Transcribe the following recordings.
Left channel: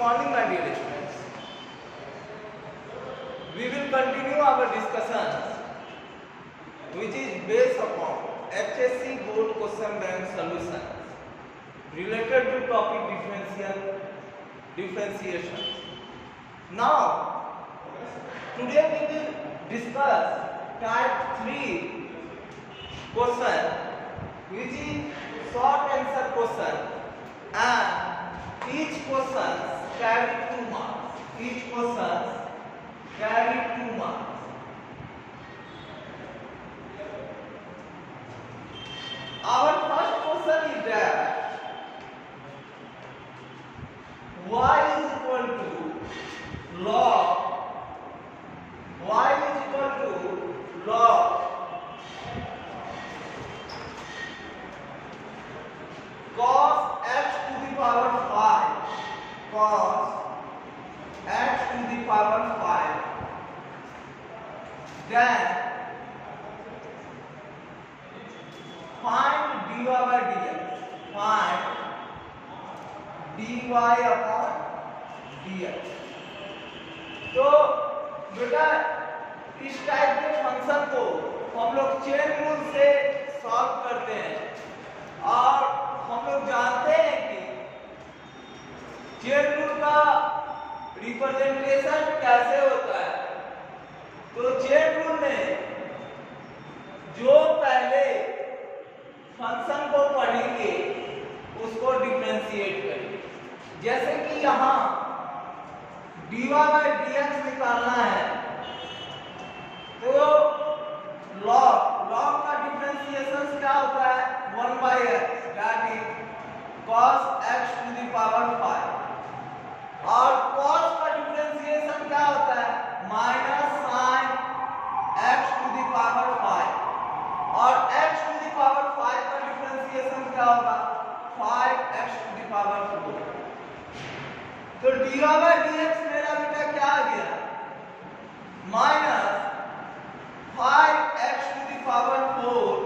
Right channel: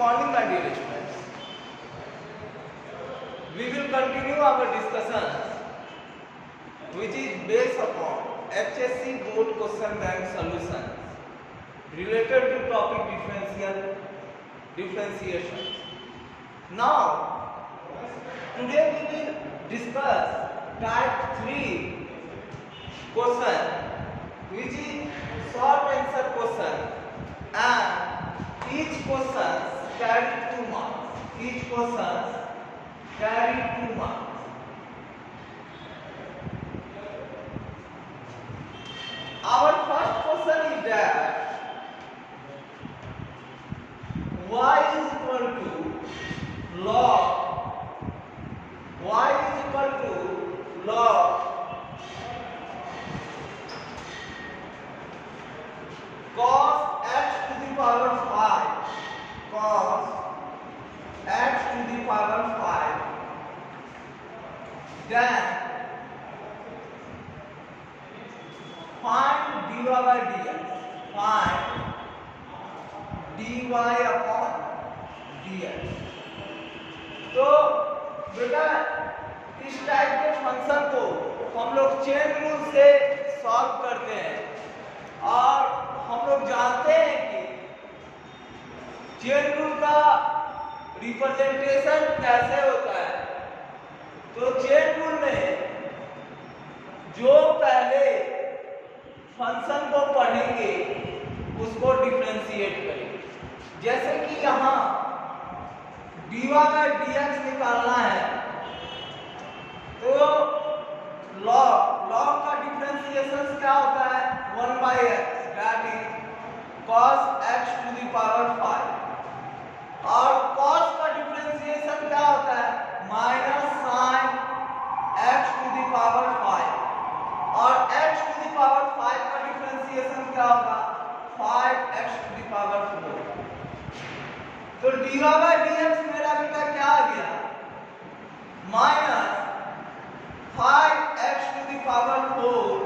morning, my dear students. We will continue our discussions, which is based upon HSC board question bank solution related to topic differentiation. Now, today we will discuss type 3 question, which is short answer question, and each question carry 2 marks. Each question carry 2 marks. Our first question is that y is equal to log cos x to the power 5, then find dy by dx, तो बेटा इस टाइप के फंक्शन को हम लोग chain rule से सॉल्व करते हैं और हम लोग जानते हैं कि चेन रूल का रिप्रेजेंटेशन कैसे होता है। तो चेन रूल में जो पहले फंक्शन को पढ़ेंगे उसको डिफरेंशिएट करेंगे। जैसे कि यहाँ dy by dx निकालना है, तो log का डिफरेंशिएशन क्या होता है? 1 by x, that is cos x to the power 5, और cos का डिफरेंशिएशन क्या होता है? Minus sin x to the power 5, और x to the power 5 का डिफरेंशिएशन क्या होगा? 5x to the power 4। तो dy by dx मेरा बेटा क्या आ गया? Minus 5x to the power 4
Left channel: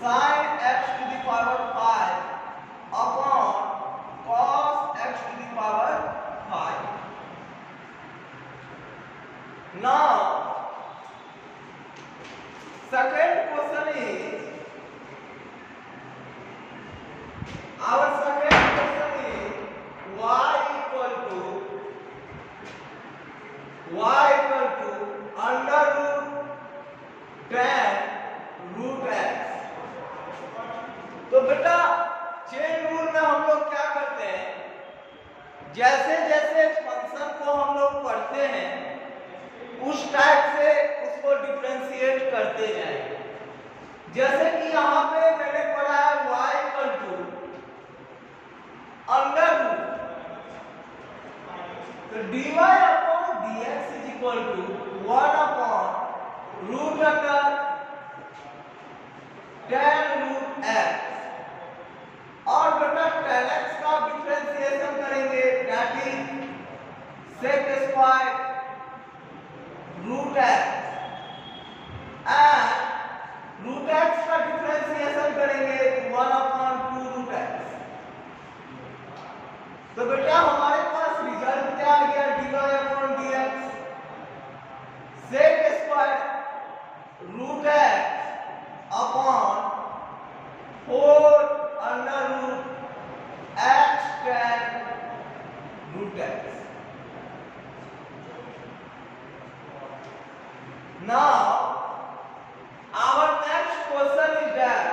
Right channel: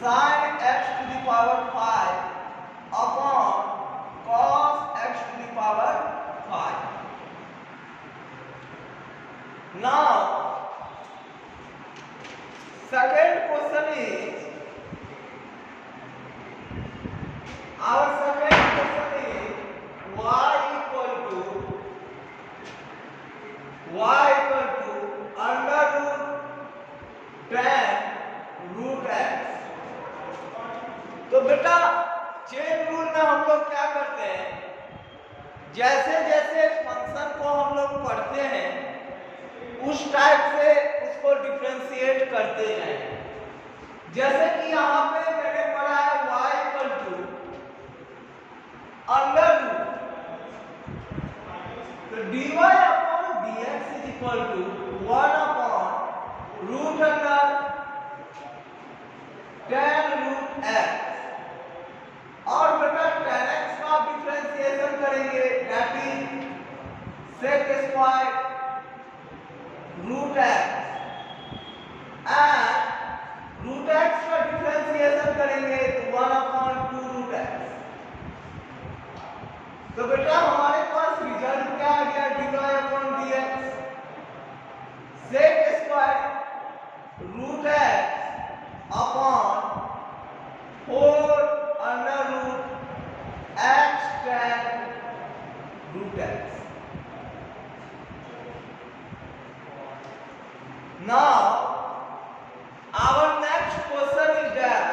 sin x to the power 5 upon cos x to the power 5। Now, second question is, our second question is y equal to under root 10 root x। तो बेटा chain rule में हम लोग क्या करते हैं, जैसे जैसे फंक्शन को हम लोग पढ़ते हैं उस टाइप से उसको डिफरेंशिएट करते जाएंगे। जैसे कि यहाँ पे मैंने पढ़ा है y equal to under root, तो dy upon dx is equal to 1 upon root under 10 root x, और बेटा 10x का डिफरेंशिएशन करेंगे, that is sec square root x, and root x का डिफरेंशिएशन करेंगे 1 अपॉन 2 रूट x। तो बेटा हमारे पास रिजल्ट क्या आ गया? dy upon dx sec square root x upon 4 under root x tan root x। Now, our next question is that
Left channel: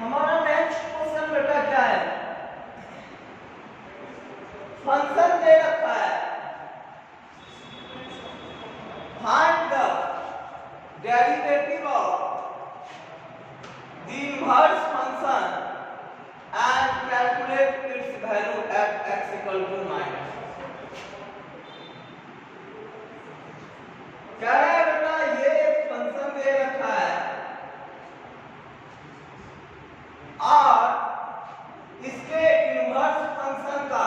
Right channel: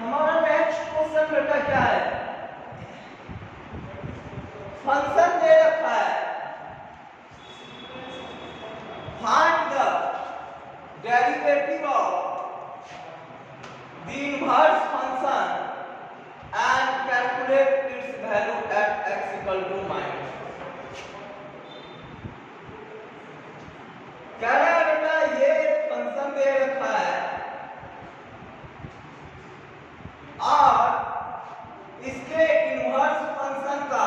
हमारा next question बेटा क्या है? फंक्शन दे रखा है, find the derivative of the inverse function and calculate its value at x equal to minus. कह रहा है बेटा ये फंक्शन दे रखा है और इसके इनवर्स फंक्शन का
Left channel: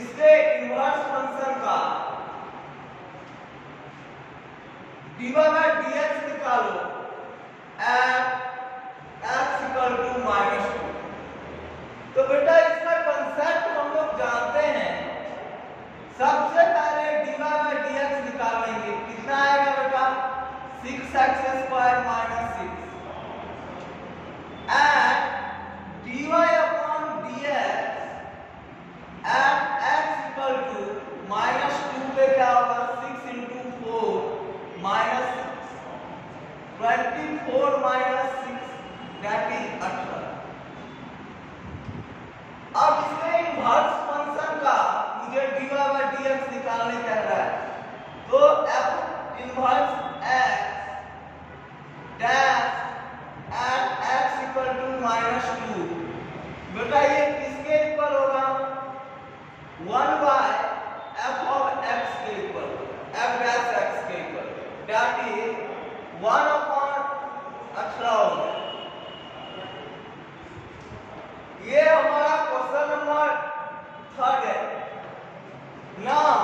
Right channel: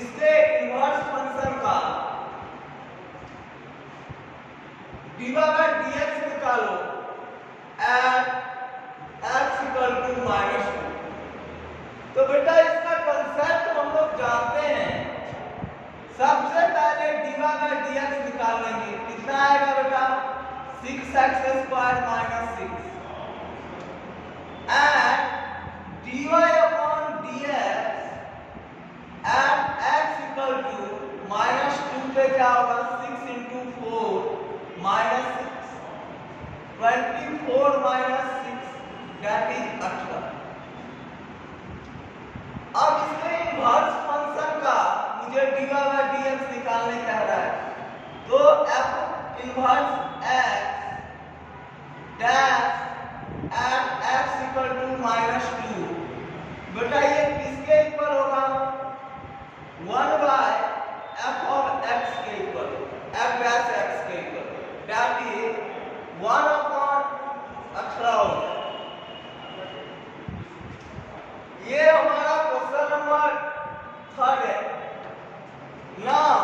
इसके इनवर्स फंक्शन का dy by dx निकालो एट x इक्वल टू -2। तो बेटा इसका कंसेप्ट हम लोग जानते हैं। सबसे पहले dy by dx निकाल लेंगे। कितना आएगा बेटा? 6x square minus 6 and dy upon dx at x equal to -2 पे क्या होगा? 6 into 4 minus 6 24 minus 6 that is 18। अब इसमें इनवर्स फंक्शन का मुझे dy by dx निकालने कह रहा है। तो f inverse x dash at x equal to -2 बेटा ये किसके इक्वल होगा? 1 बाय f ऑफ x के इक्वल, f डैश x के इक्वल दैट इज 1 अपॉन 18 होगा। ये हमारा क्वेश्चन नंबर 3 है। यहाँ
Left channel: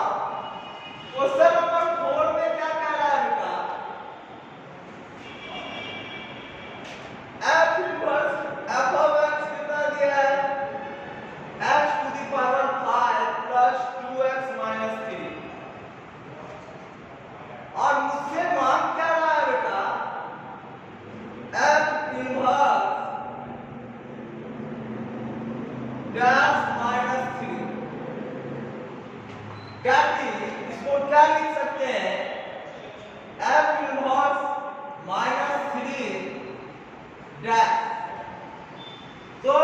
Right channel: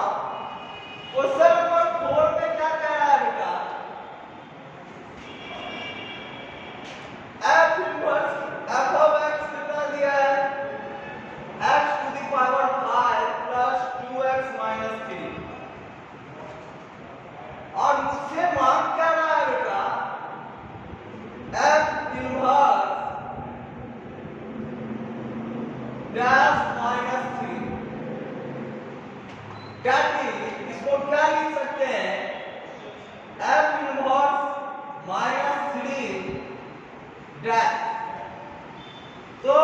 क्वेश्चन नंबर 4 में क्या कह रहा है बेटा? f inverse f of x कितना दिया है? x to the power 5 plus 2x minus 3 और मुझसे मांग क्या रहा है बेटा? f inverse dash minus 3 that is, इसको क्या लिख सकते हैं? f inverse -3 dash. तो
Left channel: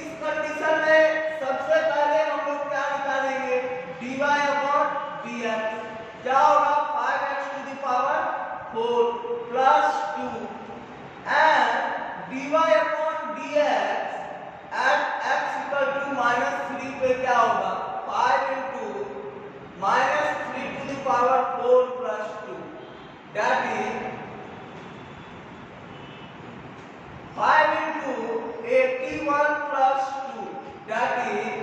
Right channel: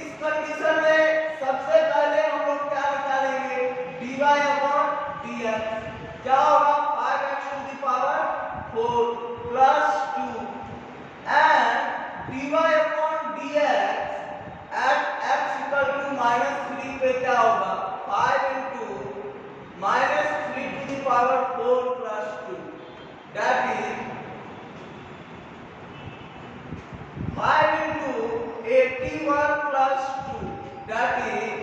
इस कंडीशन में सबसे पहले हम लोग क्या निकालेंगे? dy अपॉन dx क्या होगा? 5x to the power 4 plus 2 and dy upon dx at x equal to -3 पे क्या होगा? 5 into -3 to the power 4 plus 2 that is 5 into 81 plus 2 that is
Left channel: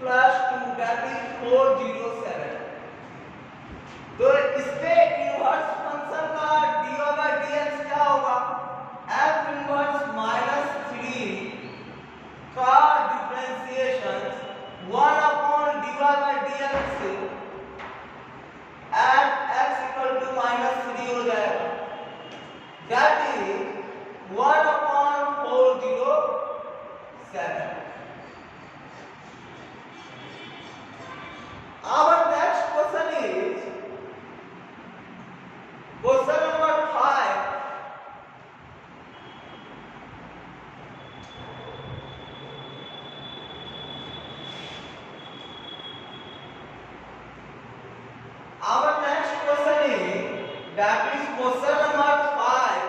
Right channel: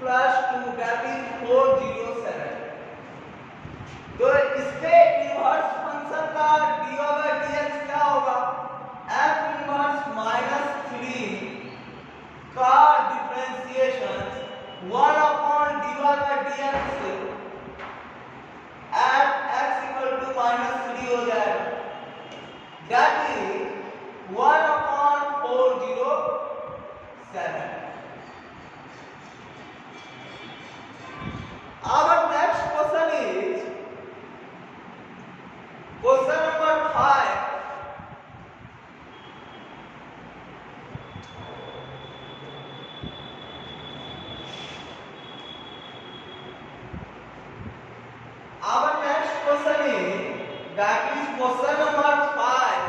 plus 2 that is 407। तो इसके इनवर्स फंक्शन का dy by dx क्या होगा? f inverse -3 का differentiation 1 upon dy by dx at x equal to -3 हो जाएगा that is 1 upon 407। Our next question is question number 5। Our next question is that is question number 5।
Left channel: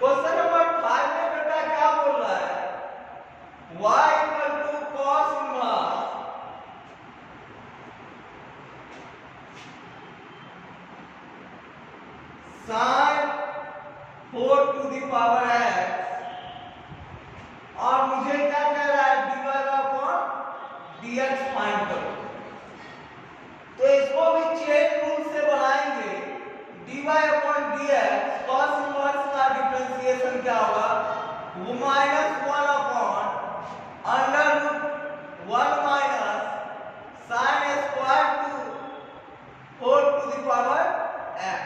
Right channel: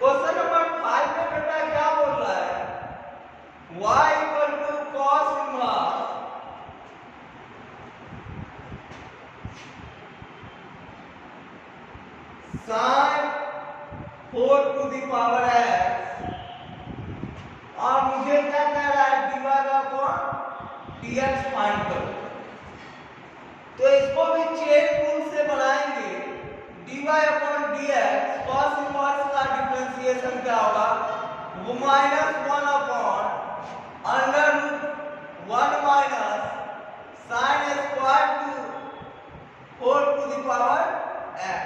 Question number 5 में बेटा क्या बोल रहा है? y equal to cos inverse sin 4 to the power x और मुझे क्या कह रहा है? dy अपॉन dx फाइंड करो। तो इसको भी चेन रूल से बनाएंगे। dy upon dx cos inverse का डिफरेंशिएशन क्या होगा? वो -1 upon under root 1 minus sin square to 4 to the power x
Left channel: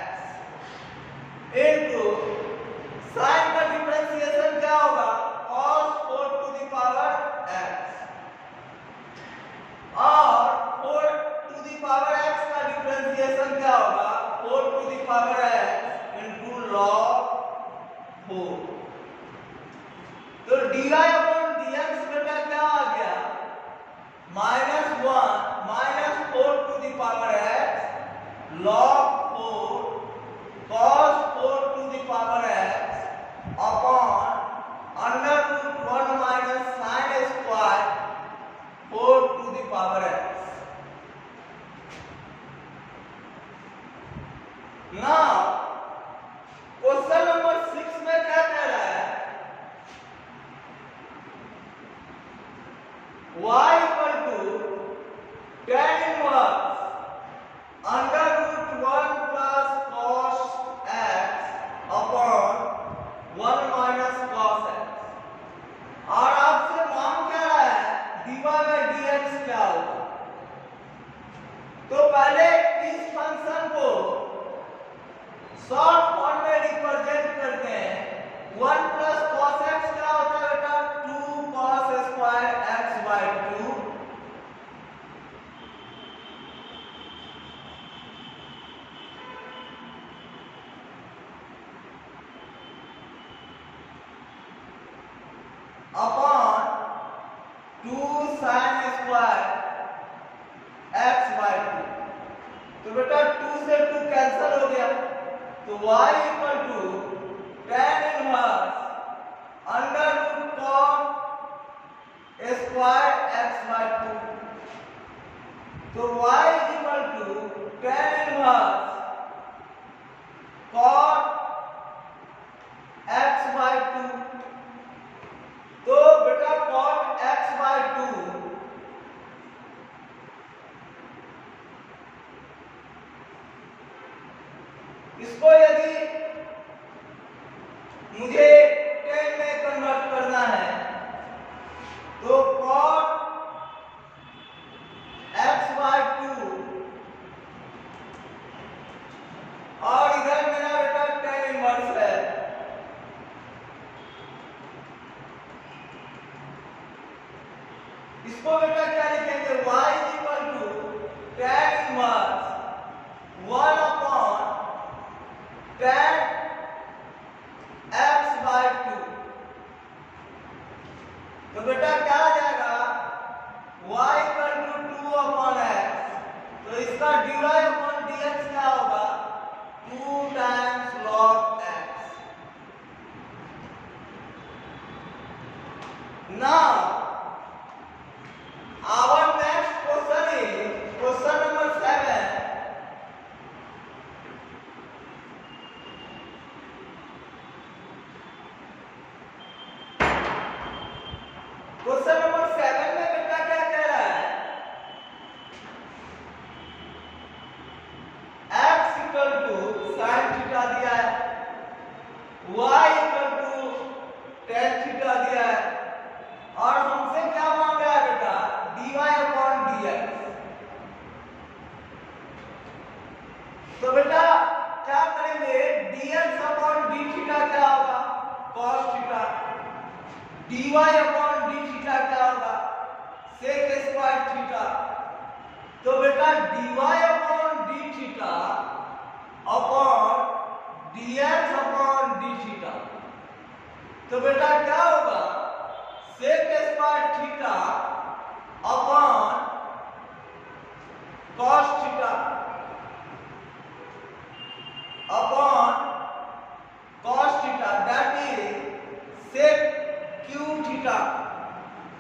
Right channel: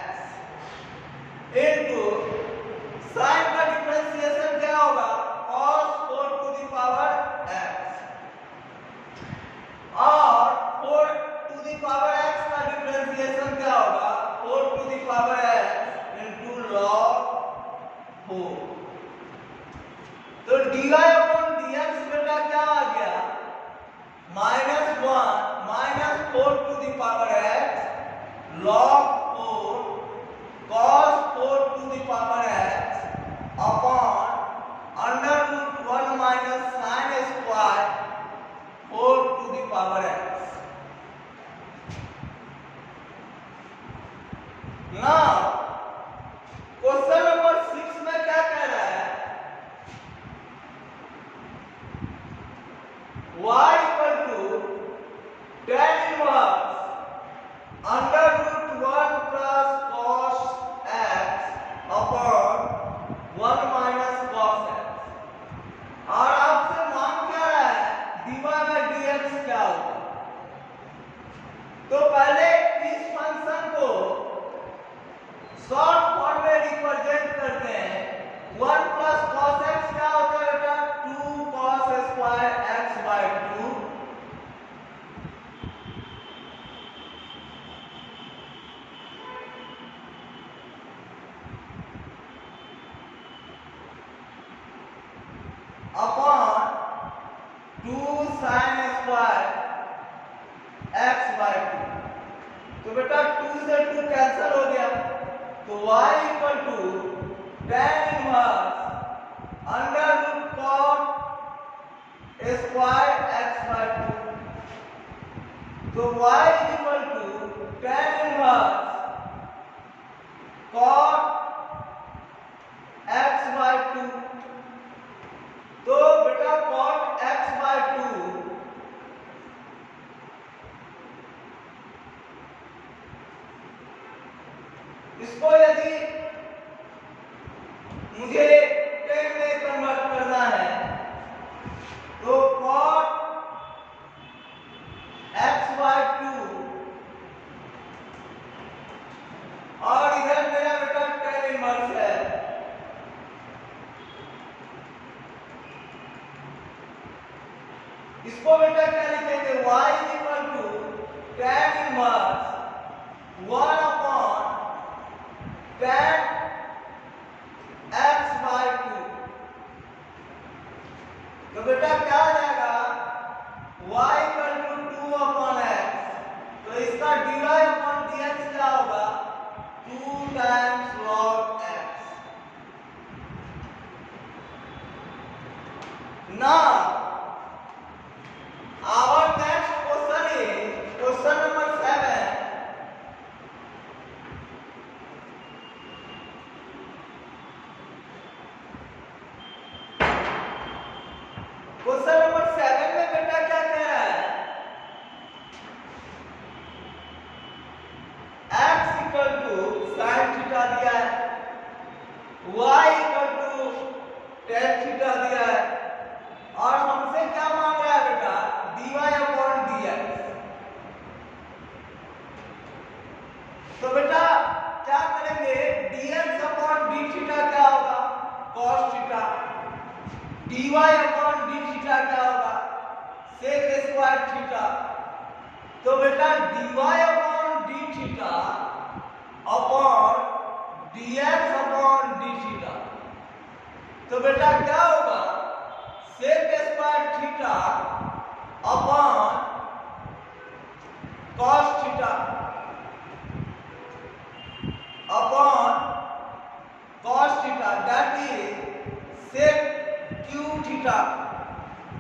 into sin का डिफरेंशिएशन क्या होगा? cos 4 to the power x और 4 टू द पावर x का डिफरेंशिएशन क्या होगा? 4 to the power x into log 4। तो dy अपॉन dx बेटा क्या आ गया? -1 -4 to the power x log 4 cos 4 to the power x upon under root 1 minus sin square 4 to the power x। Now question number 6 में क्या कह रहा है? 1 माइनस कॉस एक्स। और आपसे मांग क्या रहा है dy बाय dx क्या होगा। तो पहले इस फंक्शन को शॉर्ट फॉर्म में रिप्रेजेंट करते हैं। 1 प्लस कॉस एक्स क्या होता है बेटा 2 cos square x by 2 upon 2 sine square x by 2। तो बेटा 2 से 2 कैंसिल हो गया तो y equal to tan inverse under root cot square x by 2। तो y equal to tan inverse cot x by 2। तो बेटा कॉट एक्स बाय 2 इसको यदि मुझे tan में कन्वर्ट करना है तो cot x बाय 2 और इधर मेरा बेटा tan इनवर्स है। इसको बेटा क्या लिखेंगे y equal to tan inverse 1 upon tan x by 2। तो बेटा क्या आ जाएगा y equal to 2 upon x। तो इसका dy अपॉन dx क्या होगा 2 times log x। Now our next question is question number 7। Question number 7 में बेटा क्या कह रहा है x equal to sin theta दिया है y equal to tan theta दिया है और हमसे क्या मांग रहा है बेटा dy अपॉन dx। तो बेटा क्या करेंगे dx अपॉन d थीटा क्या होगा cos theta dy upon d theta क्या होगा sec स्क्वायर थीटा। तो बेटा dy upon d theta upon dx upon d theta. तो बेटा क्या होगा sec square theta upon cos theta upon cos theta that is sec q theta.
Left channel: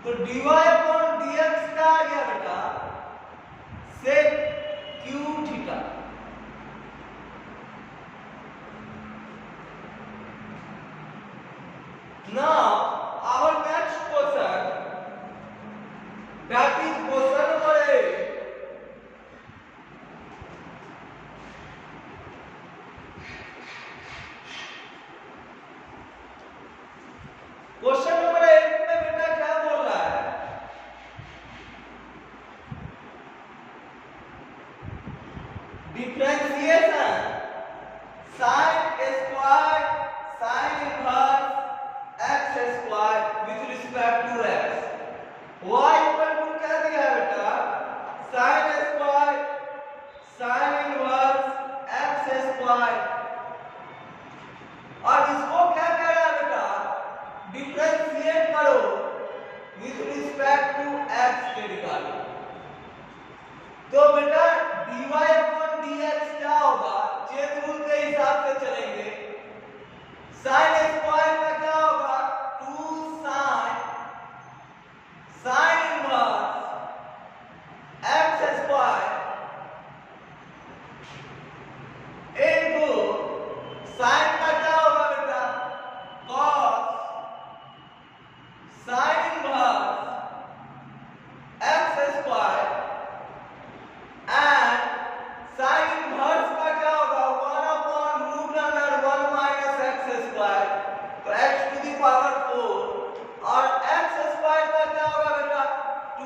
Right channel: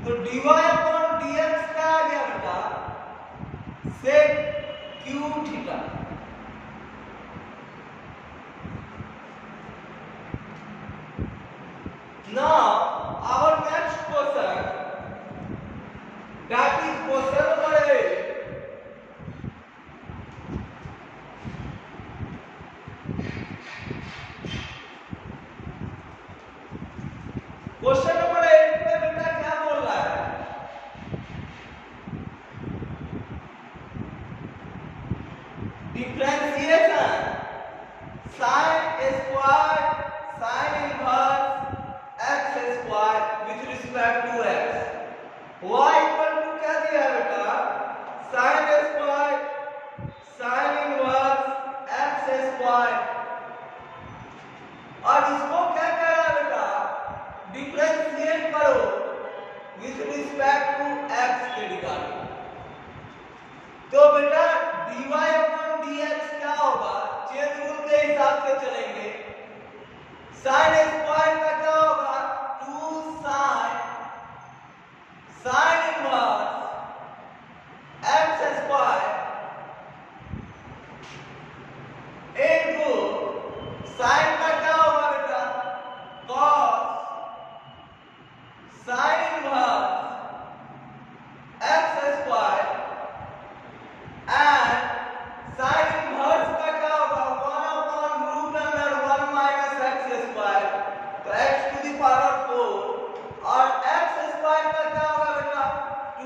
तो dy upon dx क्या आ गया बेटा sec q theta. Now our next question that is question number 8। Question number 8 में बेटा क्या बोल रहा है differentiation sin square sin inverse x square with respect to x y equal to क्या दिया बेटा sin square sin inverse x square. और इसको क्या कह रहा है बेटा डिफरेंशिएट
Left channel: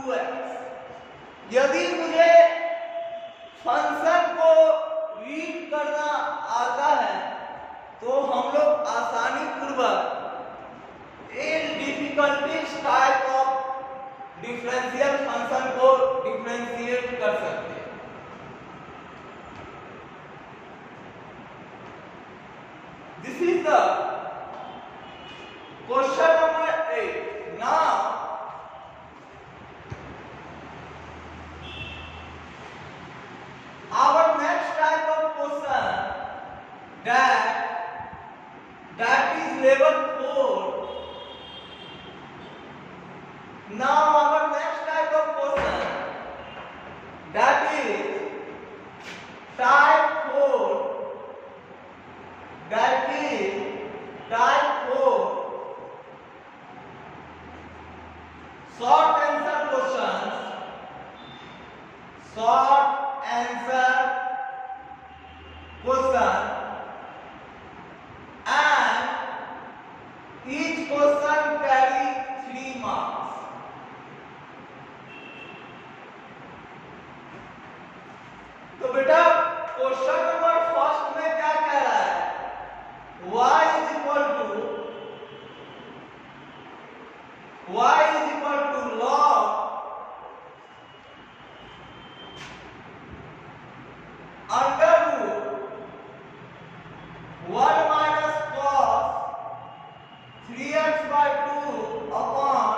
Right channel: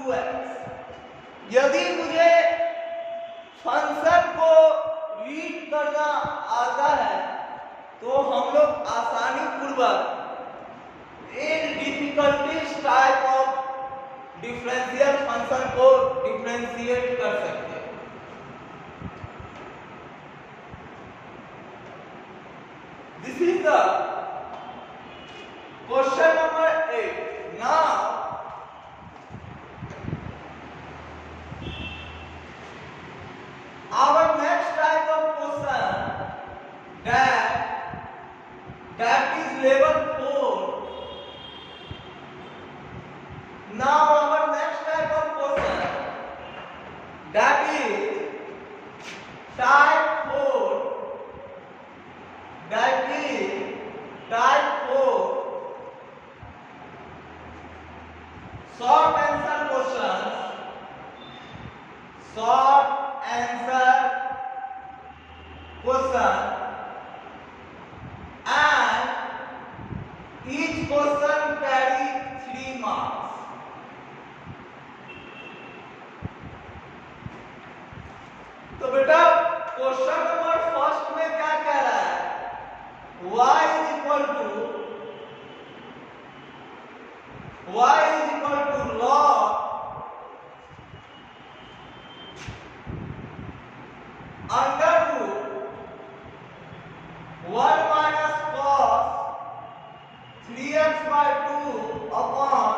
2x। यदि मुझे फंक्शन को रीड करना आता है तो हम लोग आसानी पूर्वक इन difficulties type of differential function को डिफरेंशिएट कर सकते हैं। This is the question number 8। Now our next type of question that is level 4. Now our next type of question that is type 4, that is type 4 short answer questions, short answer question, and each question carry 3 marks. तो बेटा question number first में क्या कह रहा है? y is equal to log under root 1 minus cos 3x by 2 upon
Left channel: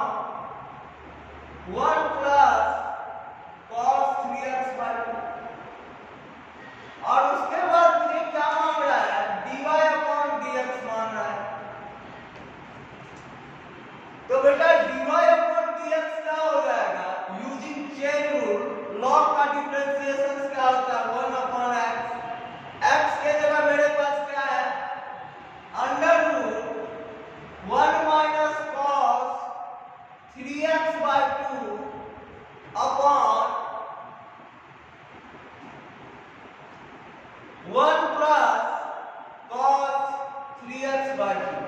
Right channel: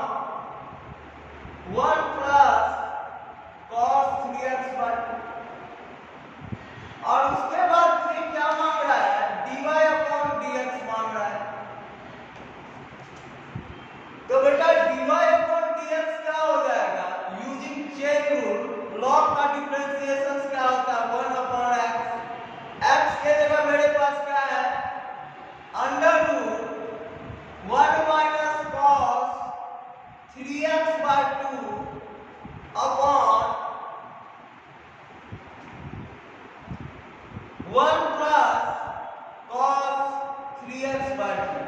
1 plus cos 3x by 2। और उसके बाद मुझे क्या मांग रहा है? dy upon dx मांग रहा है। तो बेटा dy upon dx क्या हो जाएगा? यूजिंग चेन रूल लॉग का डिफरेंशिएशन क्या होता है? 1 upon x। x के जगह मेरे पास क्या है? Under root 1 minus cos 3x by 2 upon 1 plus cos 3x by 2।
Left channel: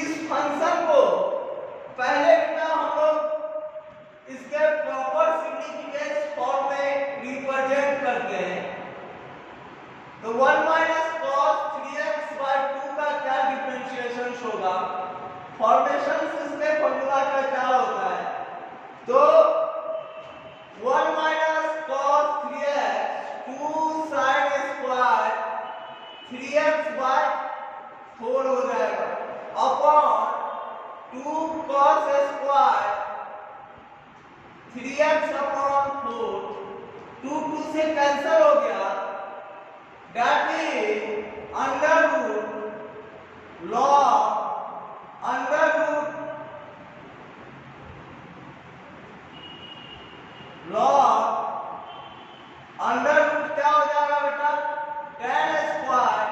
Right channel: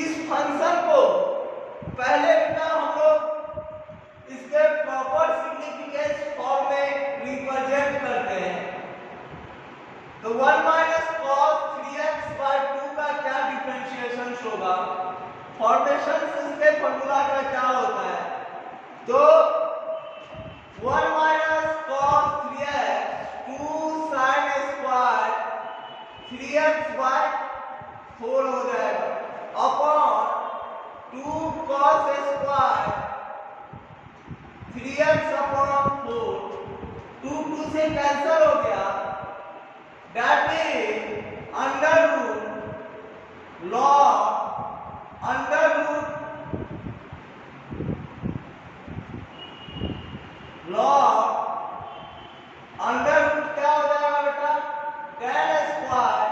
इस फंक्शन को पहले बेटा हम लोग इसके प्रॉपर सिग्निफिकेंस फॉर्म में रिप्रेजेंट करते हैं। तो 1 minus cos 3x by 2 का क्या डिफरेंशिएशन होगा? फॉर्मेशन इसके फॉर्मूला का क्या होता है? तो 1 minus cos 3x 2 sin square 3x by 4 हो जाएगा अपॉन 2 cos स्क्वायर 3x अपॉन 4। 2 से कैंसिल हो गया, that is under root log under root क्या हो जाएगा बेटा? tan square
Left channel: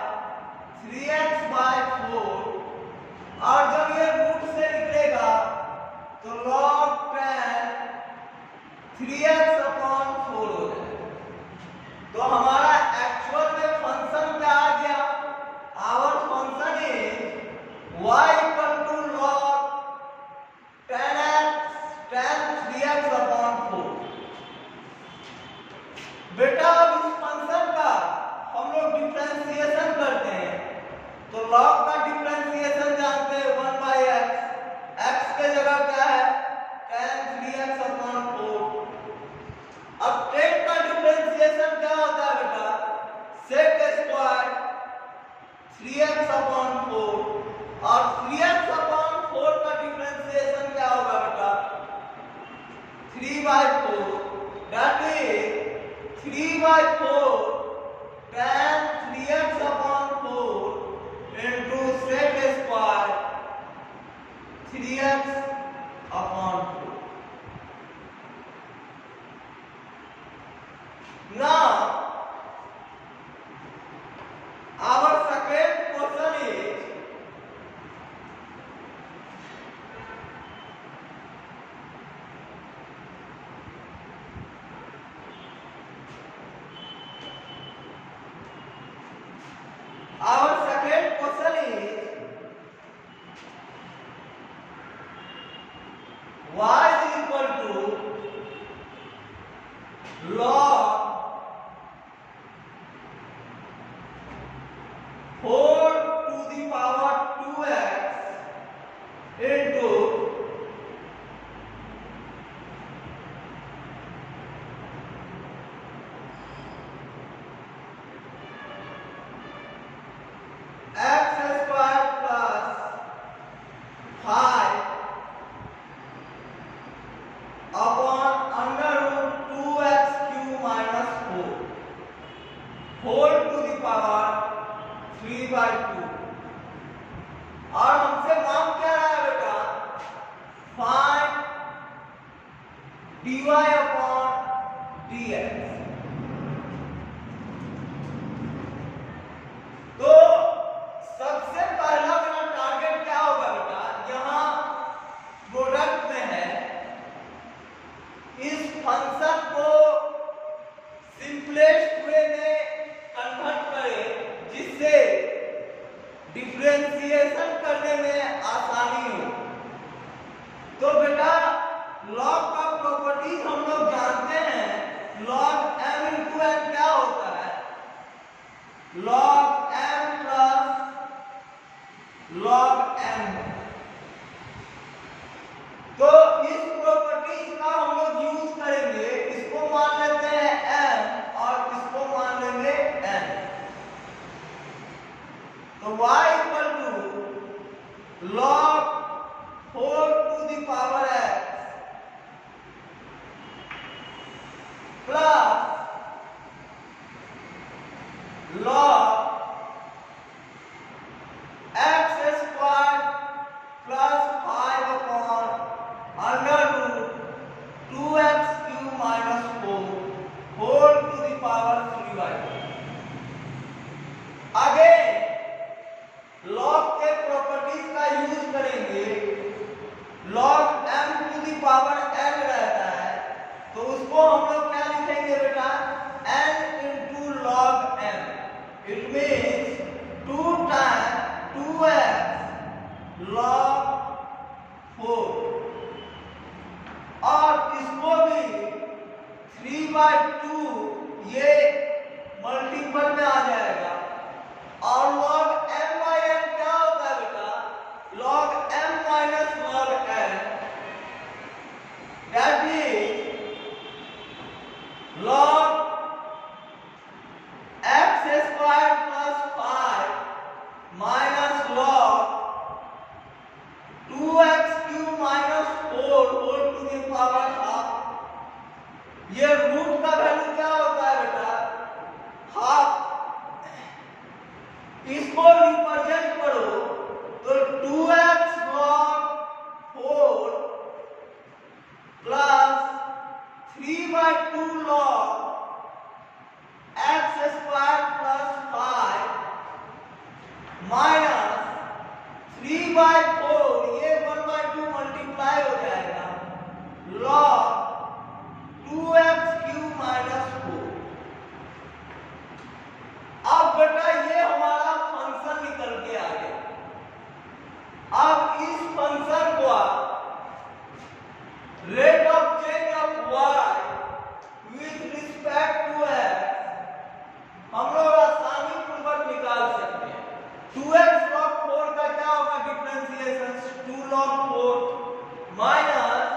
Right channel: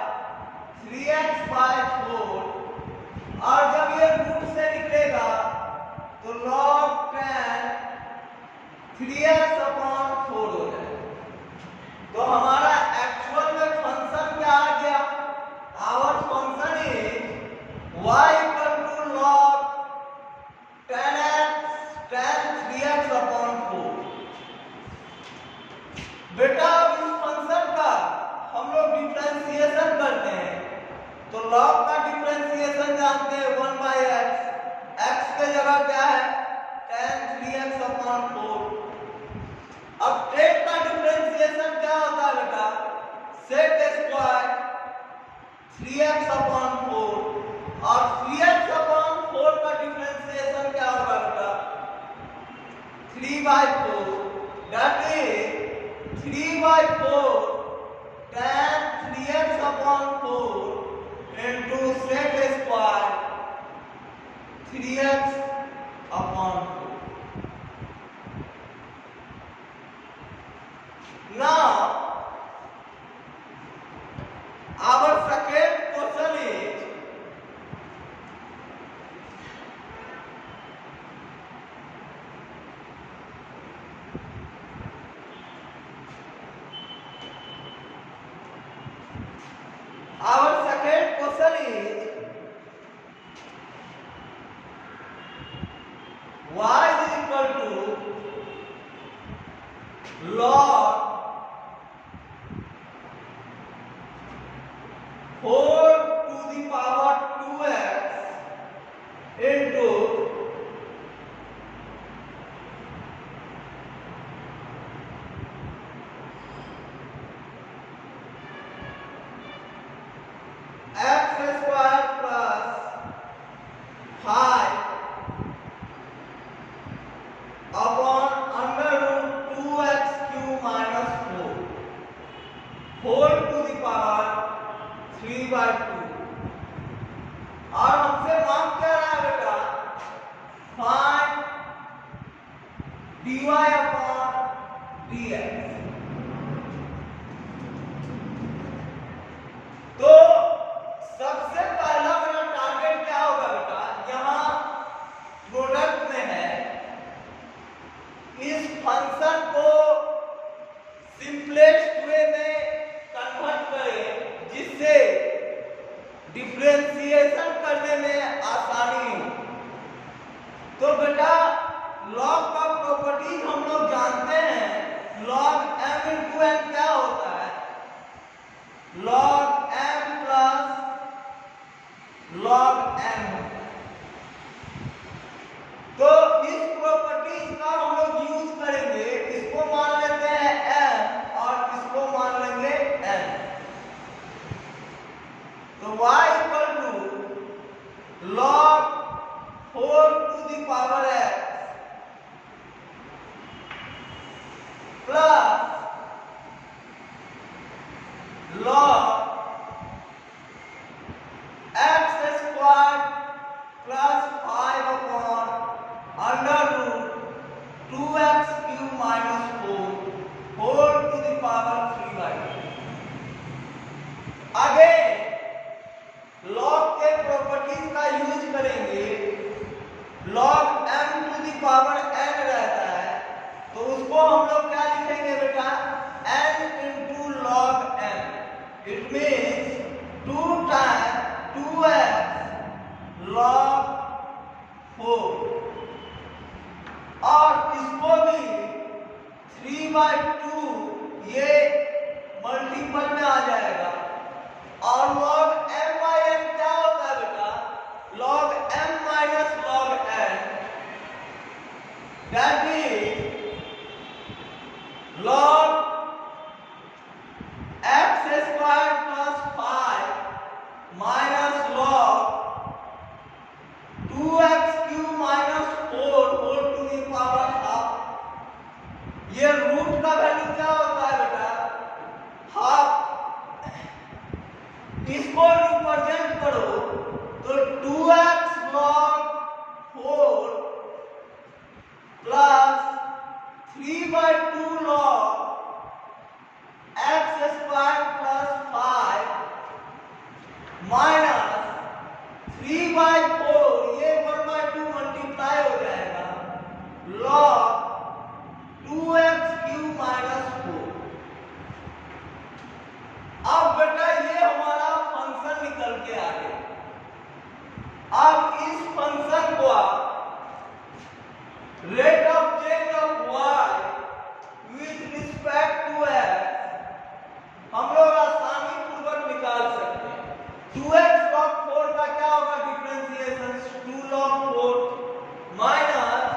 3x by 4। और जब ये रूट से निकलेगा तो log tan 3x upon 4 हो जाएगा। तो हमारा एक्चुअल में फंक्शन क्या आ गया? Our function is y equal to log tan 3x upon 4। बेटा अब इस फंक्शन का हम लोग डिफरेंशिएशन करते हैं तो log का डिफरेंशिएशन जानते हैं 1 by x। x के जगह क्या है? tan 3x upon 4। अब sec का डिफरेंशिएशन क्या होता है बेटा? sec square 3x upon 4। और 3x upon 4 का डिफरेंशिएशन क्या होगा बेटा? 3 by 4। दैट इज 3 by 4 tan 3x upon 4 into sec square 3x upon 4। Now our second question is log 4 to the power 2x into x square plus 5 upon under root 2x cube minus 4 whole to the power 3/2। और हमसे मांग क्या रहा है बेटा, find dy upon dx। तो सबसे पहला मेरा टारगेट क्या होगा बेटा, यहां प्रोडक्ट में है, इस फंक्शन को सिंपलेस्ट वे में कन्वर्ट करें जिससे डिफरेंशिएशन करने में आसानी हो। तो बेटा लॉग का प्रॉपर्टीज हम लोग जानते हैं, log m into n क्या होता है, log m plus log n। तो इस प्रॉपर्टीज का हम लोग यूज करेंगे, इसको मान लेते हैं m और इसको मान लेंगे n। तो y equal to log 4 to the power x plus log x square plus 5 upon under root 2x cube minus 4 whole to the power 3/2। आगे log के प्रॉपर्टीज का यूज करेंगे, log m to the power n रहता है, तो उसको हम लोग क्या लिखेंगे बेटा, n into log m। It means 2 times 2x log 4 और इसको भी 3/2 ये मल्टीपल में आ जाएगा। और log m/n क्या होता है बेटा, log m minus log n, that is log x square plus 5 minus log 2x cube minus 4 whole to the power half। ये रूट का वैल्यू क्या होता है बेटा, हाफ। इसको रिप्रेजेंट करो तो 2x log 4 प्लस 3/2 log x स्क्वायर प्लस 5 माइनस 3/4, ये 1/2 मल्टीप्लाई हो जाएगा, log 2x क्यूब माइनस 4। अब बेटा ये हमारा फंक्शन निकल के आ गया। अब इस फंक्शन को आप rate of change of y with respect to x हम लोग आसानी पूर्वक निकाल सकते हैं। 2x log 4 का क्या होगा डिफरेंशिएशन, 2 log 4 minus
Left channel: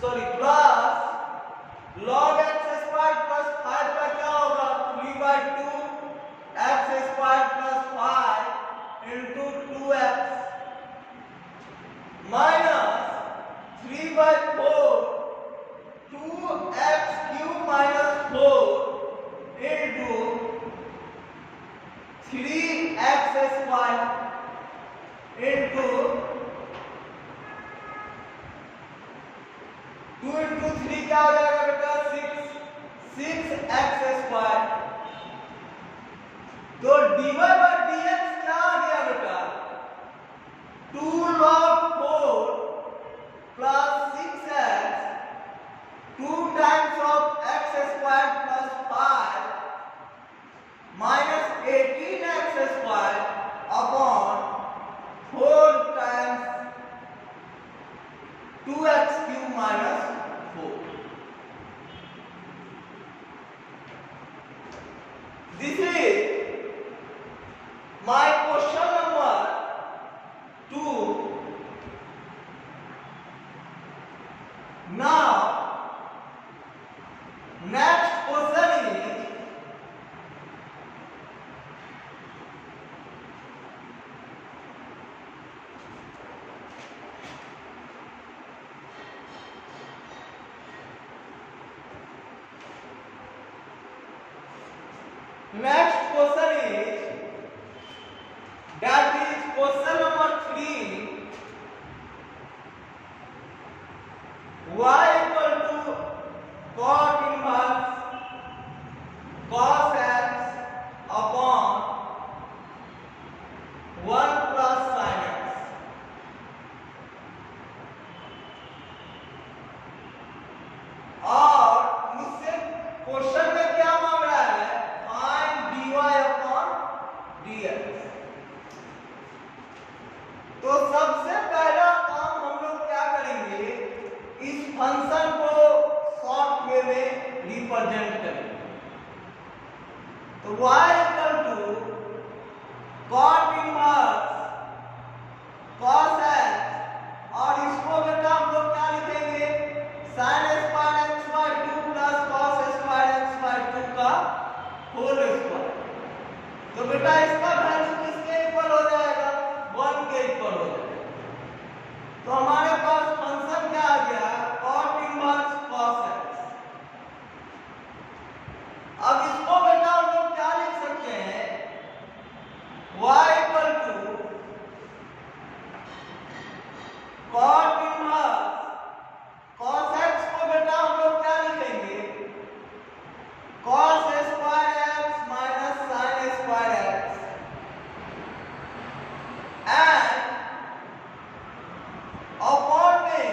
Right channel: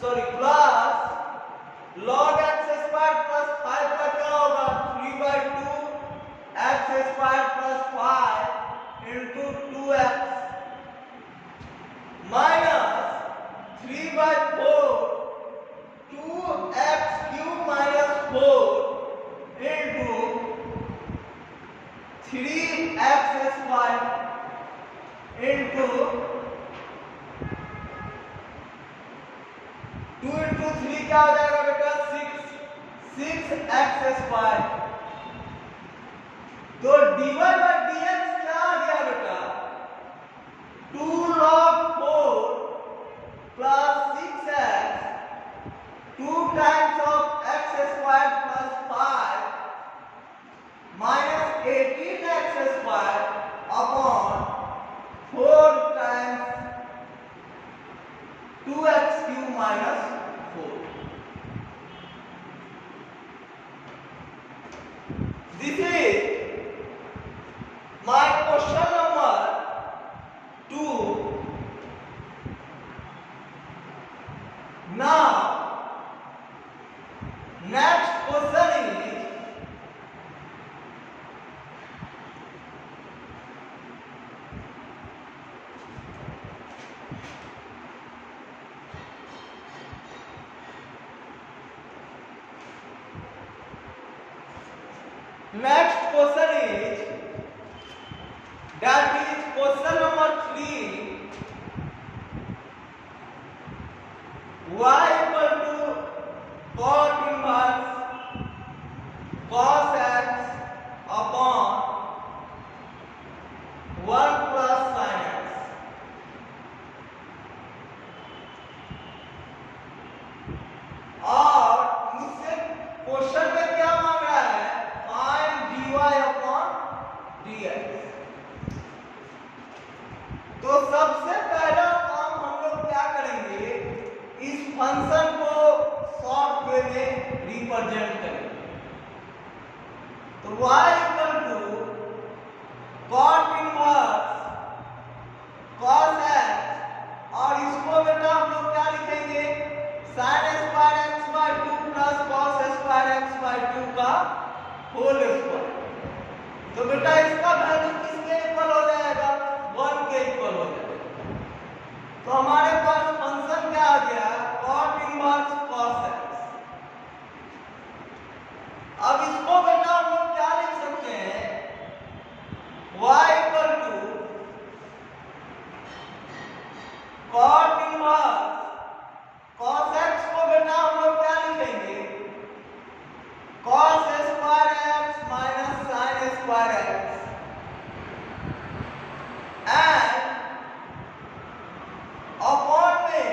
plus log x square plus 5 का क्या होगा 3/2 x square plus 5 into 2x minus 3/4 2x cube minus 4 into 3x square into 2 into 3 क्या हो जाएगा बेटा 6x स्क्वायर। तो dy by dx क्या आ गया बेटा, 2 log 4 plus 6x 2 times of x square plus 5 minus 18x square upon 4 times 2x cube minus 4। Question number 2. Now next question is that is question number 3. Y equal to cot inverse cos x upon 1 plus sin x. और मुझसे क्वेश्चन में क्या मांग रहा है? Find dy upon dx. तो सबसे पहला काम हम लोग क्या करेंगे, इस फंक्शन को शॉर्ट वे में रिप्रेजेंट करेंगे. तो y equal to cot inverse cos x, और इसको बेटा हम लोग क्या लिखेंगे, sin square x by 2 plus cos square x by 2 का होल स्क्वायर. तो बेटा इसका वैल्यू किसके इक्वल हो जाएगा? 1 के इक्वल हो जाएगा. तो हमारे पास फंक्शन क्या आ गया? cot inverse cos x. अब इसको बेटा हम लोग क्या लिख सकते हैं? y equal to cot inverse cos x को बेटा हम लोग क्या लिखेंगे? cos square x minus sin square x and upon में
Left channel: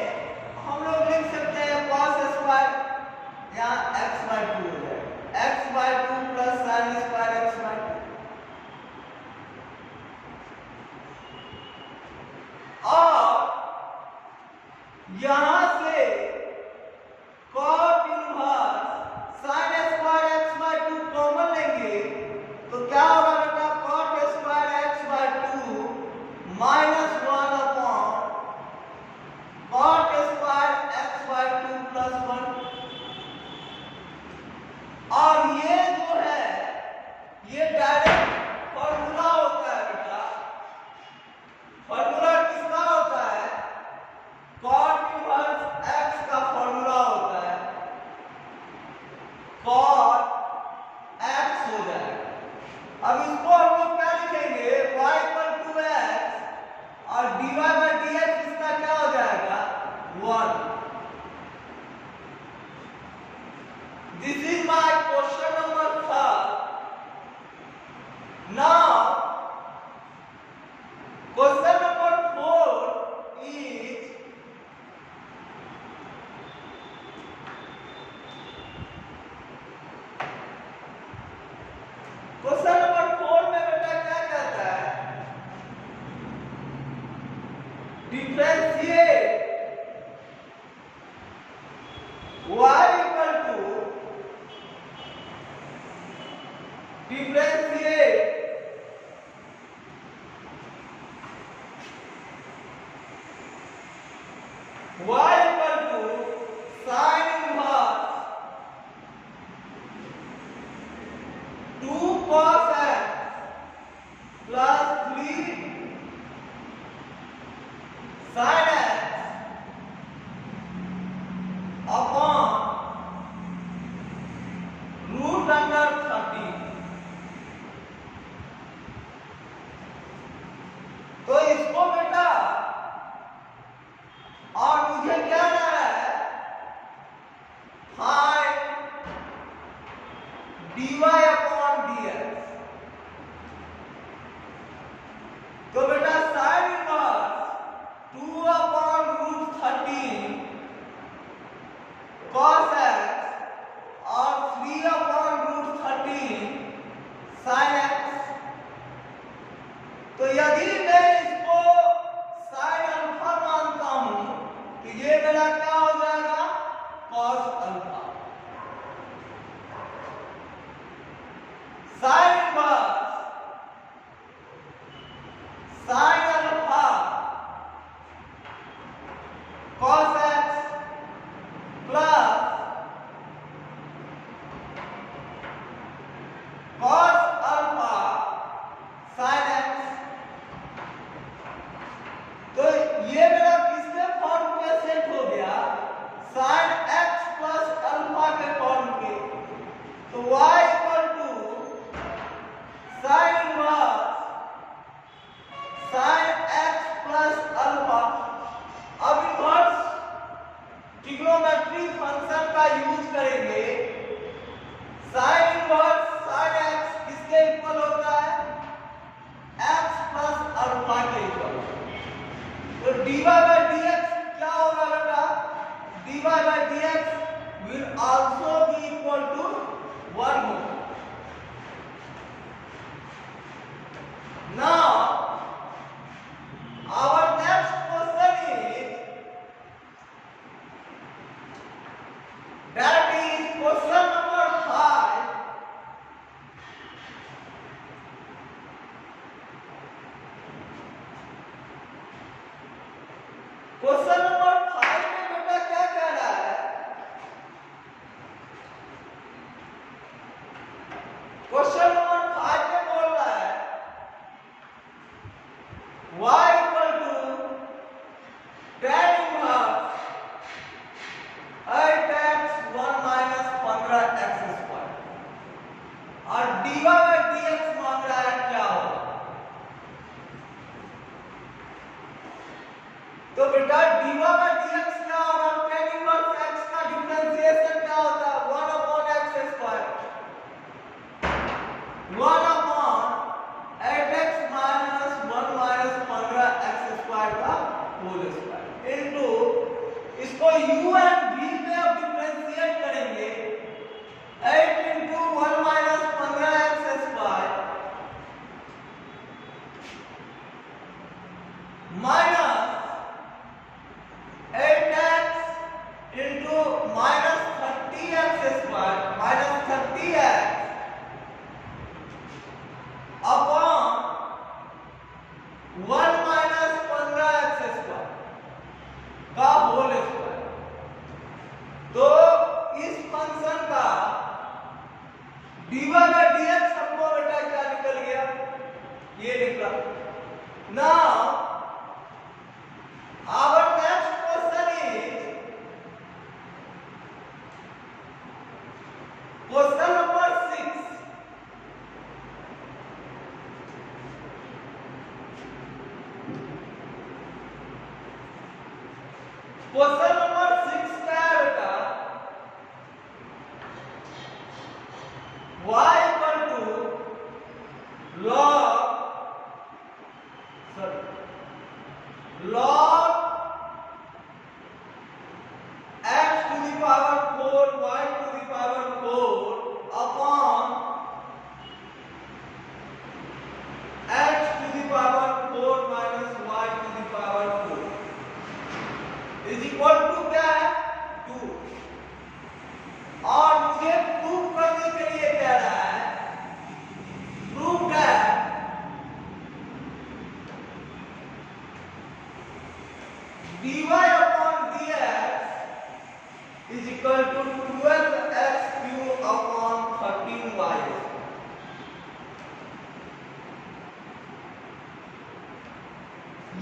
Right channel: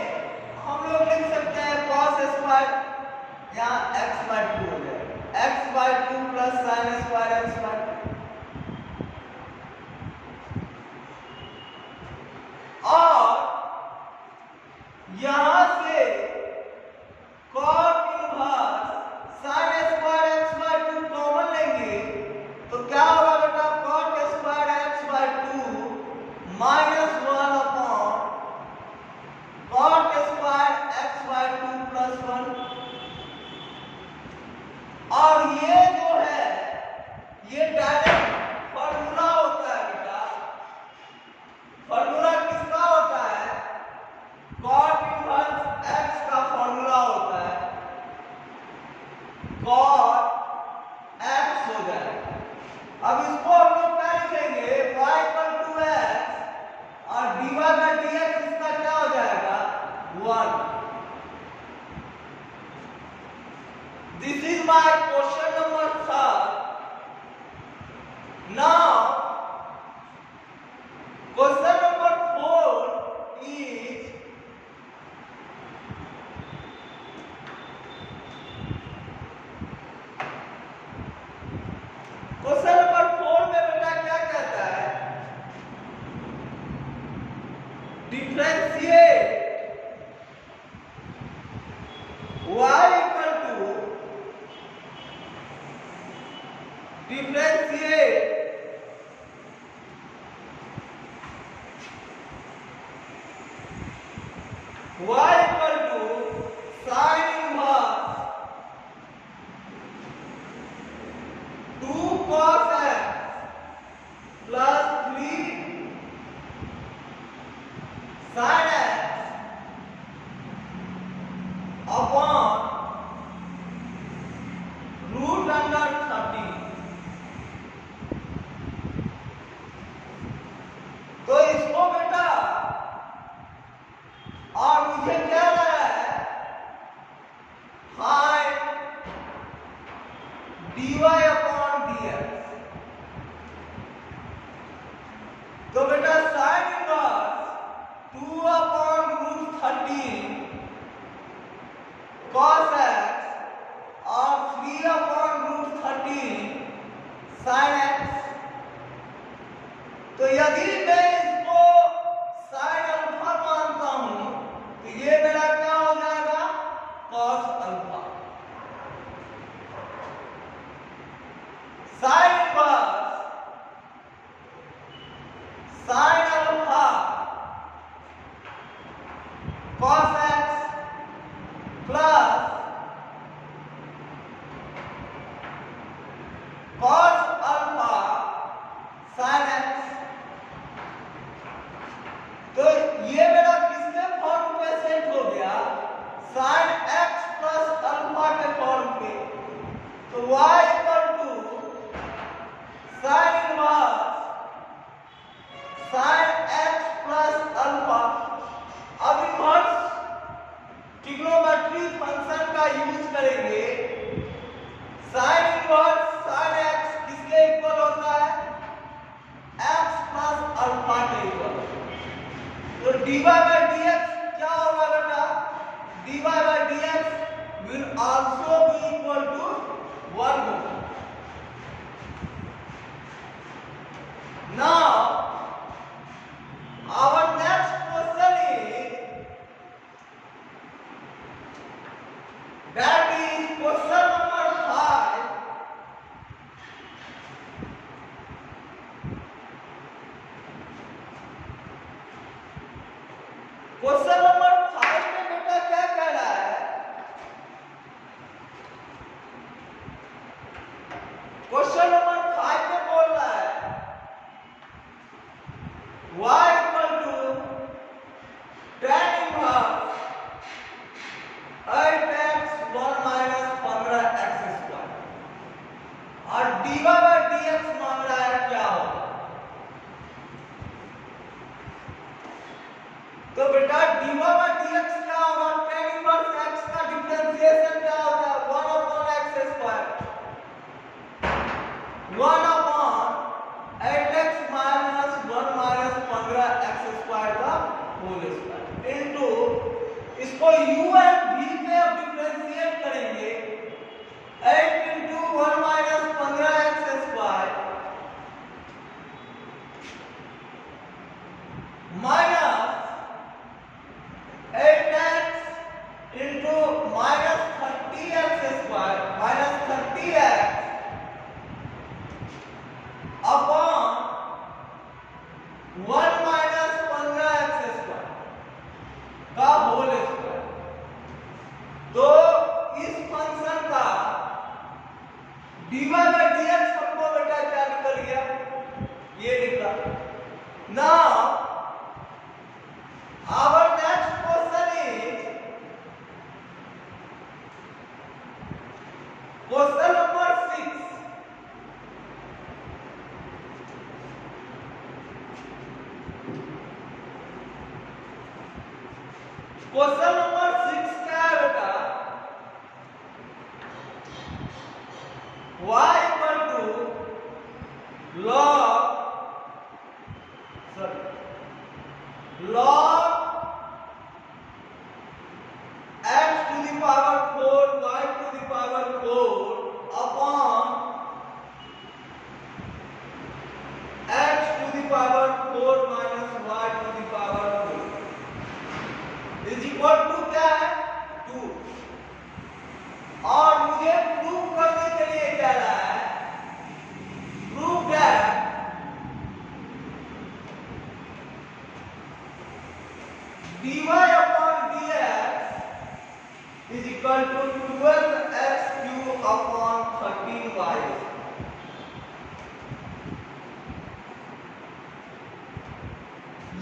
हम लोग लिख सकते हैं cos स्क्वायर, यहाँ x बाय 2 हो जाएगा, x by 2 plus sin square x by 2. और यहां से cot inverse sin square x by 2 common लेंगे तो क्या होगा बेटा? cot स्क्वायर x बाय 2 माइनस 1 upon cot square x by 2 plus 1. और ये जो है ये डायरेक्ट फॉर्मूला होता है बेटा. फॉर्मूला किसका होता है? cot इनवर्स x का फॉर्मूला होता है, cot x हो जाएगा. अब इसको हम लोग क्या लिखेंगे? y इक्वल टू x और dy बाय dx इसका क्या हो जाएगा? 1. This is my question number 3. Now question number 4 is question number 4 में बेटा क्या कहता है? Differentiate y equal to differentiate y equal to sin inverse 2 cos x plus 3 sin x upon root under 30. तो इसको बेटा और मुझे क्या रहा है? Find dy upon dx. तो बेटा sin inverse 2 upon root 30 cos x और 3 अपॉन रूट 30 sin x. तो यदि मैं इसको sin अल्फा मानता हूं तो ये मेरा क्या हो जाएगा? cos alpha. sin inverse cos x plus cos alpha sin x। तो ये मेरा किसके फॉर्म पे सेट हो गया, sin x प्लस अल्फा के फॉर्म पे। तो y equal to sin inverse sin x plus alpha. अब इनवर्स ट्रिग्नोमेट्री फंक्शन का यूज करेंगे। sin इनवर्स sin x किसके इक्वल होता है, x प्लस अल्फा के इक्वल। तो dy by dx क्या होगा बेटा, dy by dx will also be equal to 1 होगा। Now our next question is, that is question number 5। Question number 5 में बेटा क्या कह रहा है, क्वेश्चन नंबर 5 में बोल रहा है y equal to tan inverse 8x 1 minus 15x square और dy by dx मांग रहा है क्या होगा। तो बेटा dy by dx क्या होगा, tan इनवर्स x का डिफरेंशिएशन क्या होता है, 1 upon x square 1 upon 8x minus 1 minus 15x square का होल स्क्वायर इनटू इसको u एंड v पे अब डिफरेंशिएट करेंगे। 8 इनटू 1 minus 15x square minus 8x into minus 30x square minus 30x upon 1 minus 15x square का whole square. तो इस फंक्शन का dy by dx हमको बेटा क्या निकल गया, ये निकला। Now our next question is question number 6। Question number 6 क्या है बेटा, y equal to log x to the power 4 y to the power 4 upon x to the power 4 minus y to the power 4 is equal to क्या है 2। और मुझे प्रूव करने के लिए क्या रहा है, prove that dy upon dx is equal to 12x cube upon 13y।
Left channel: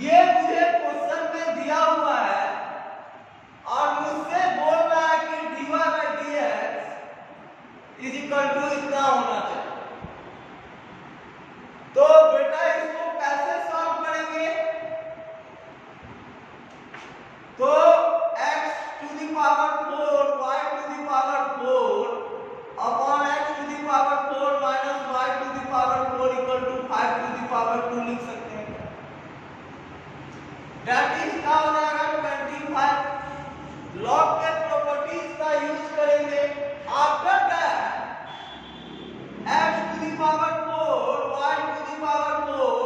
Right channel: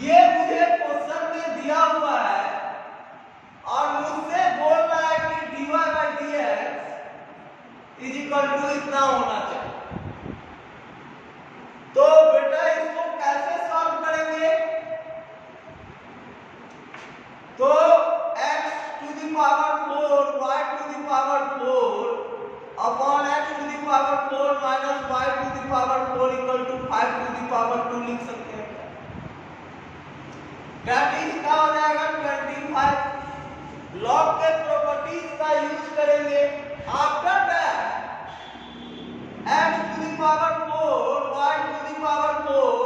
ये मुझे क्वेश्चन में दिया हुआ है और मुझसे बोल रहा है कि dy by dx is equal to इतना होना चाहिए। तो बेटा इसको कैसे सॉल्व करेंगे, तो x to the power 4 y to the power 4 upon x to the power 4 minus y to the power 4 equal to 5 to the power 2 लिख सकते हैं। दैट इज क्या हो जाएगा 25। लॉग के प्रॉपर्टीज का यूज करेंगे। After that x to the power 4 y to the power 4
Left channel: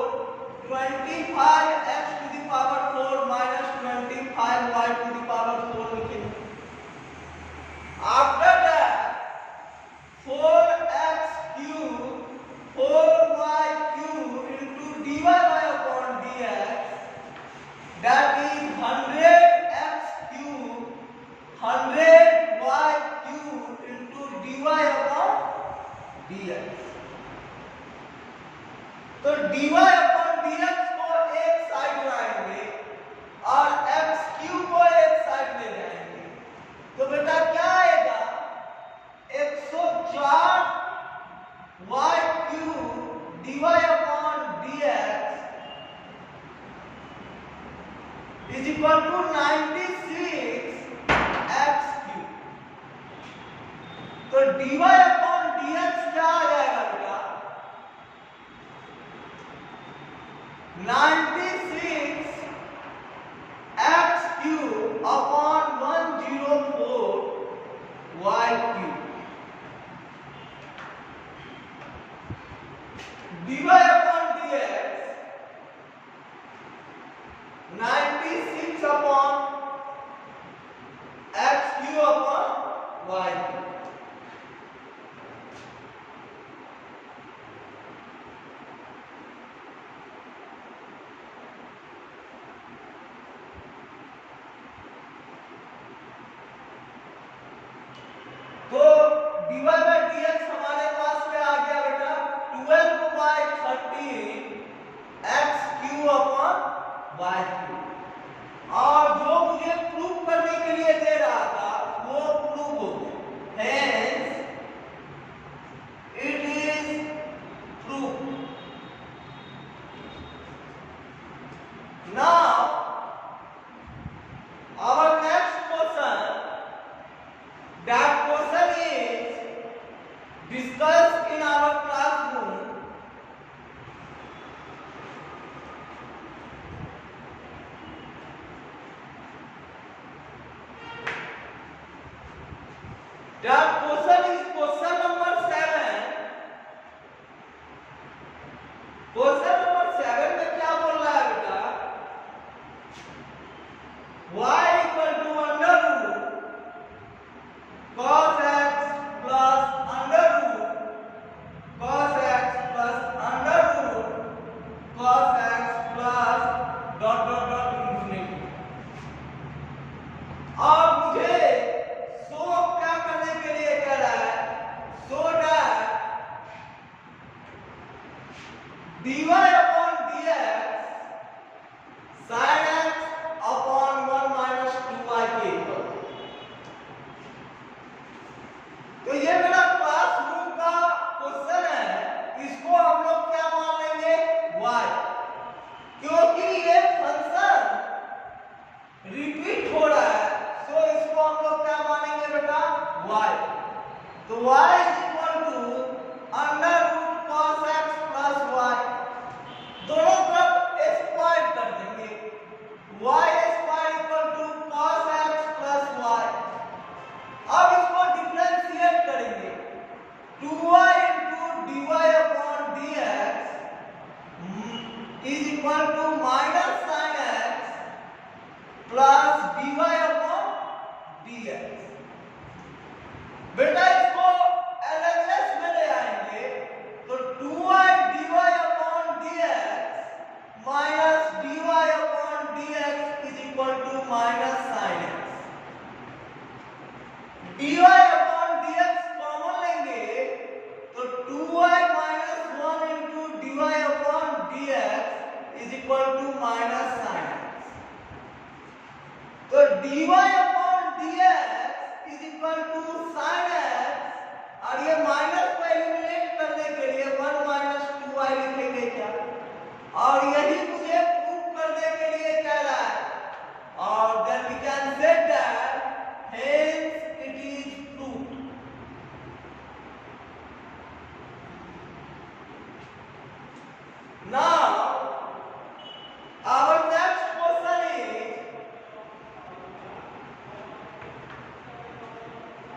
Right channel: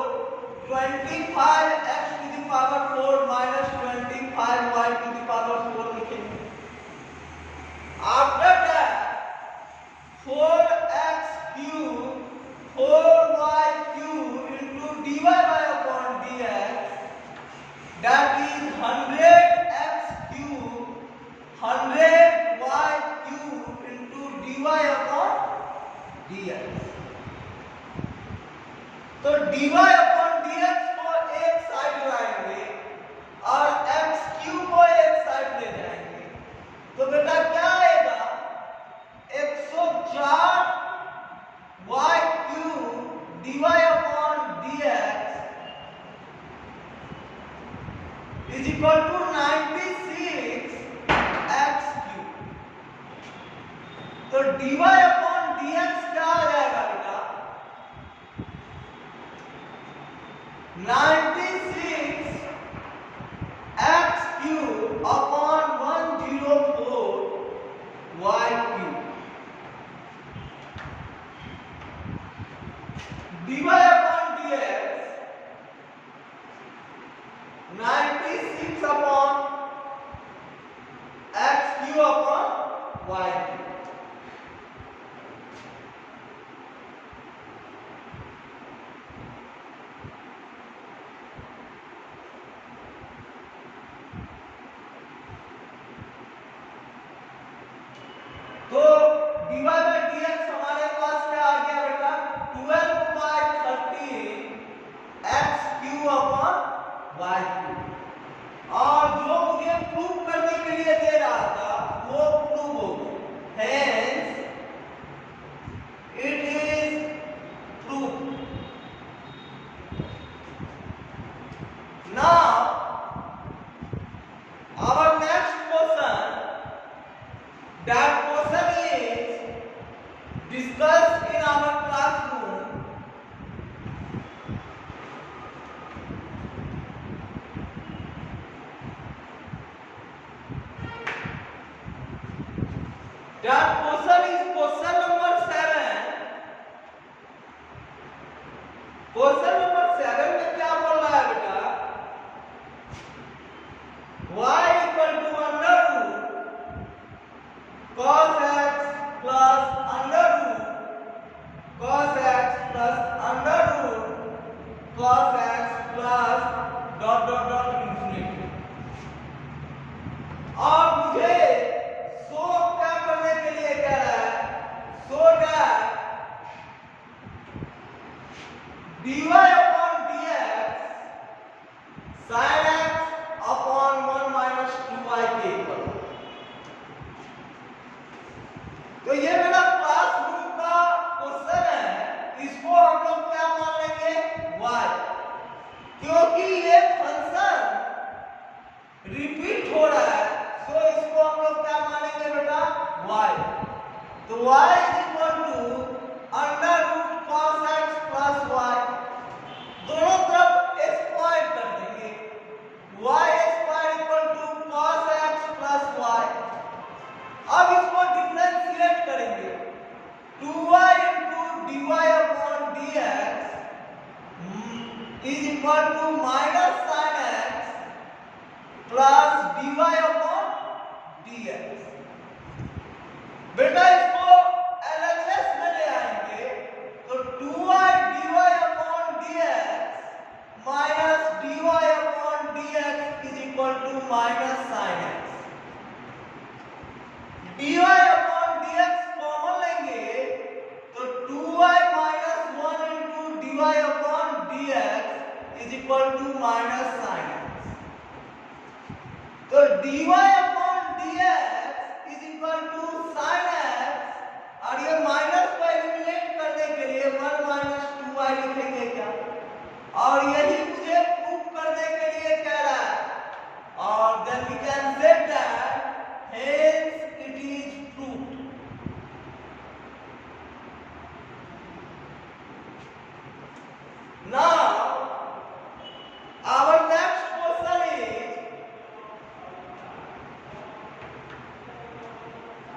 25 x to the power 4 minus 25 y to the power 4 लिखेंगे। After that 4x cube 4y cube into dy by upon dx that is 100x 100y³ into dy/dx। तो dy/dx को एक साइड लाएंगे और x³ को एक साइड ले जाएंगे, तो बेटा क्या आएगा 104y³ dy/dx is equal to 96x³। तो dy/dx क्या आ जाएगा बेटा 96x³/104y³। dy/dx 96/x³/y³। तो dy/dx हमारे पास क्या आ गया बेटा 12/13x³/y³। और जो मुझे प्रूव करने के लिए दे रहा था वो प्रूव हो गया, hence it is prove. Now our next question, that question is discussed in our classroom। That question is question number 7। Question number 7 में क्या बोल रहा है बेटा y equal to under root cos x plus under root cos x plus under root cos x plus dot dot dot infinity। और मुझे शो क्या करने के लिए कह रहा है show that dy/dx sin x upon 1 minus 2y के इक्वल। तो ये मेरा क्लासरूम का क्वेश्चन है, इसको हम लोग क्या मान लेंगे y, क्योंकि ये फंक्शन रिपीट हो रहा है, तो इसको हम लोग क्या मानेंगे बेटा y। तो y is equal to under root cos x plus y, दोनों तरफ स्क्वायर कर देंगे, y square equal to cos x plus y। अब इसको डिफरेंशिएट करेंगे 2y into dy/dx is equal to minus sin x plus dy/dx। बेटा इसको LHS में ले आएंगे तो 2y dy/dx minus dy/dx is equal to minus sin x। dy/dx common लेंगे तो 2y minus 1 into dy/dx is equal to minus sin x। तो dy/dx is equal to sin x, और ये माइनस को एलिमिनेट करने के लिए 1 minus 2y लिखेंगे क्या, और यही मुझे प्रूव करने के लिए कह रहा है, और then we can say that hence it is proved। Now our next question is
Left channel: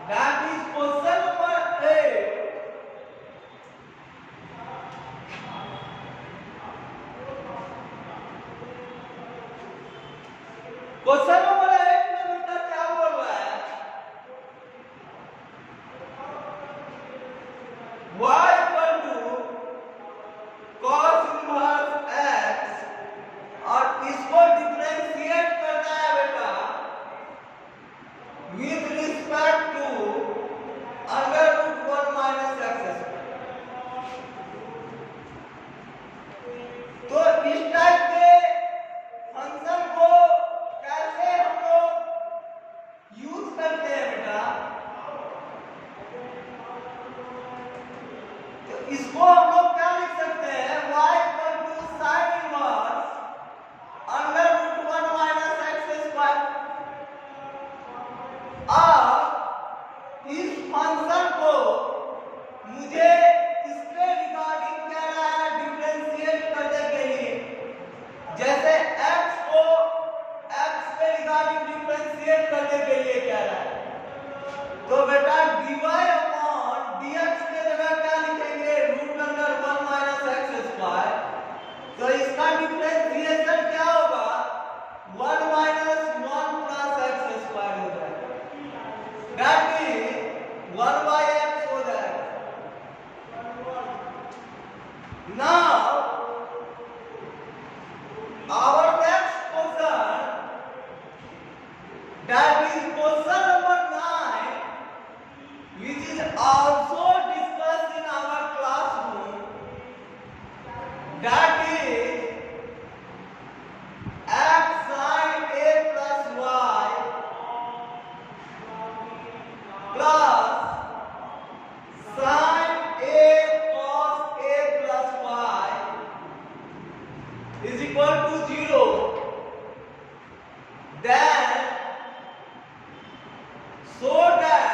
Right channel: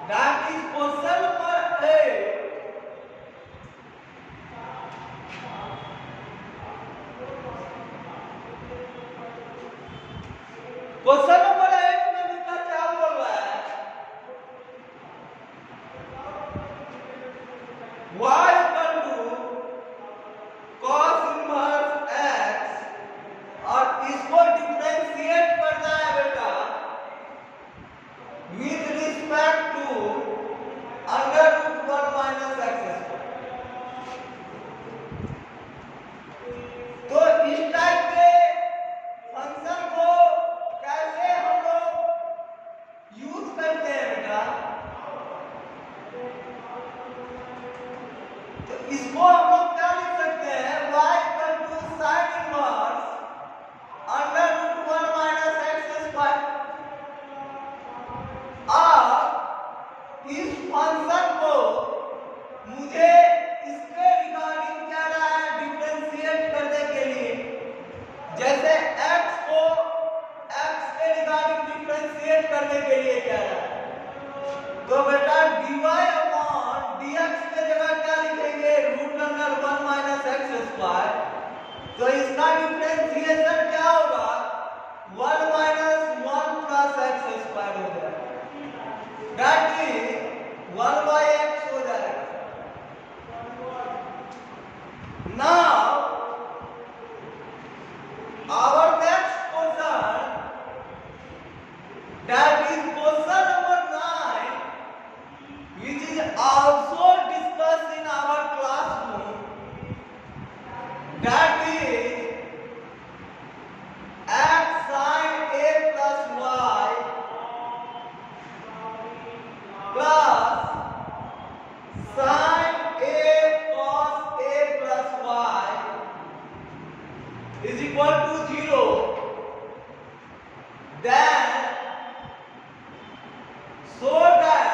that is question number 8। Question number 8 में बेटा क्या बोल रहा है y equal to cos inverse x, और इसको डिफरेंशिएट करना है बेटा with Our next question, that is question number 9, which is also discussed in our classroom, that is x sin a plus y plus sin a cos a plus y is equal to 0. Then so that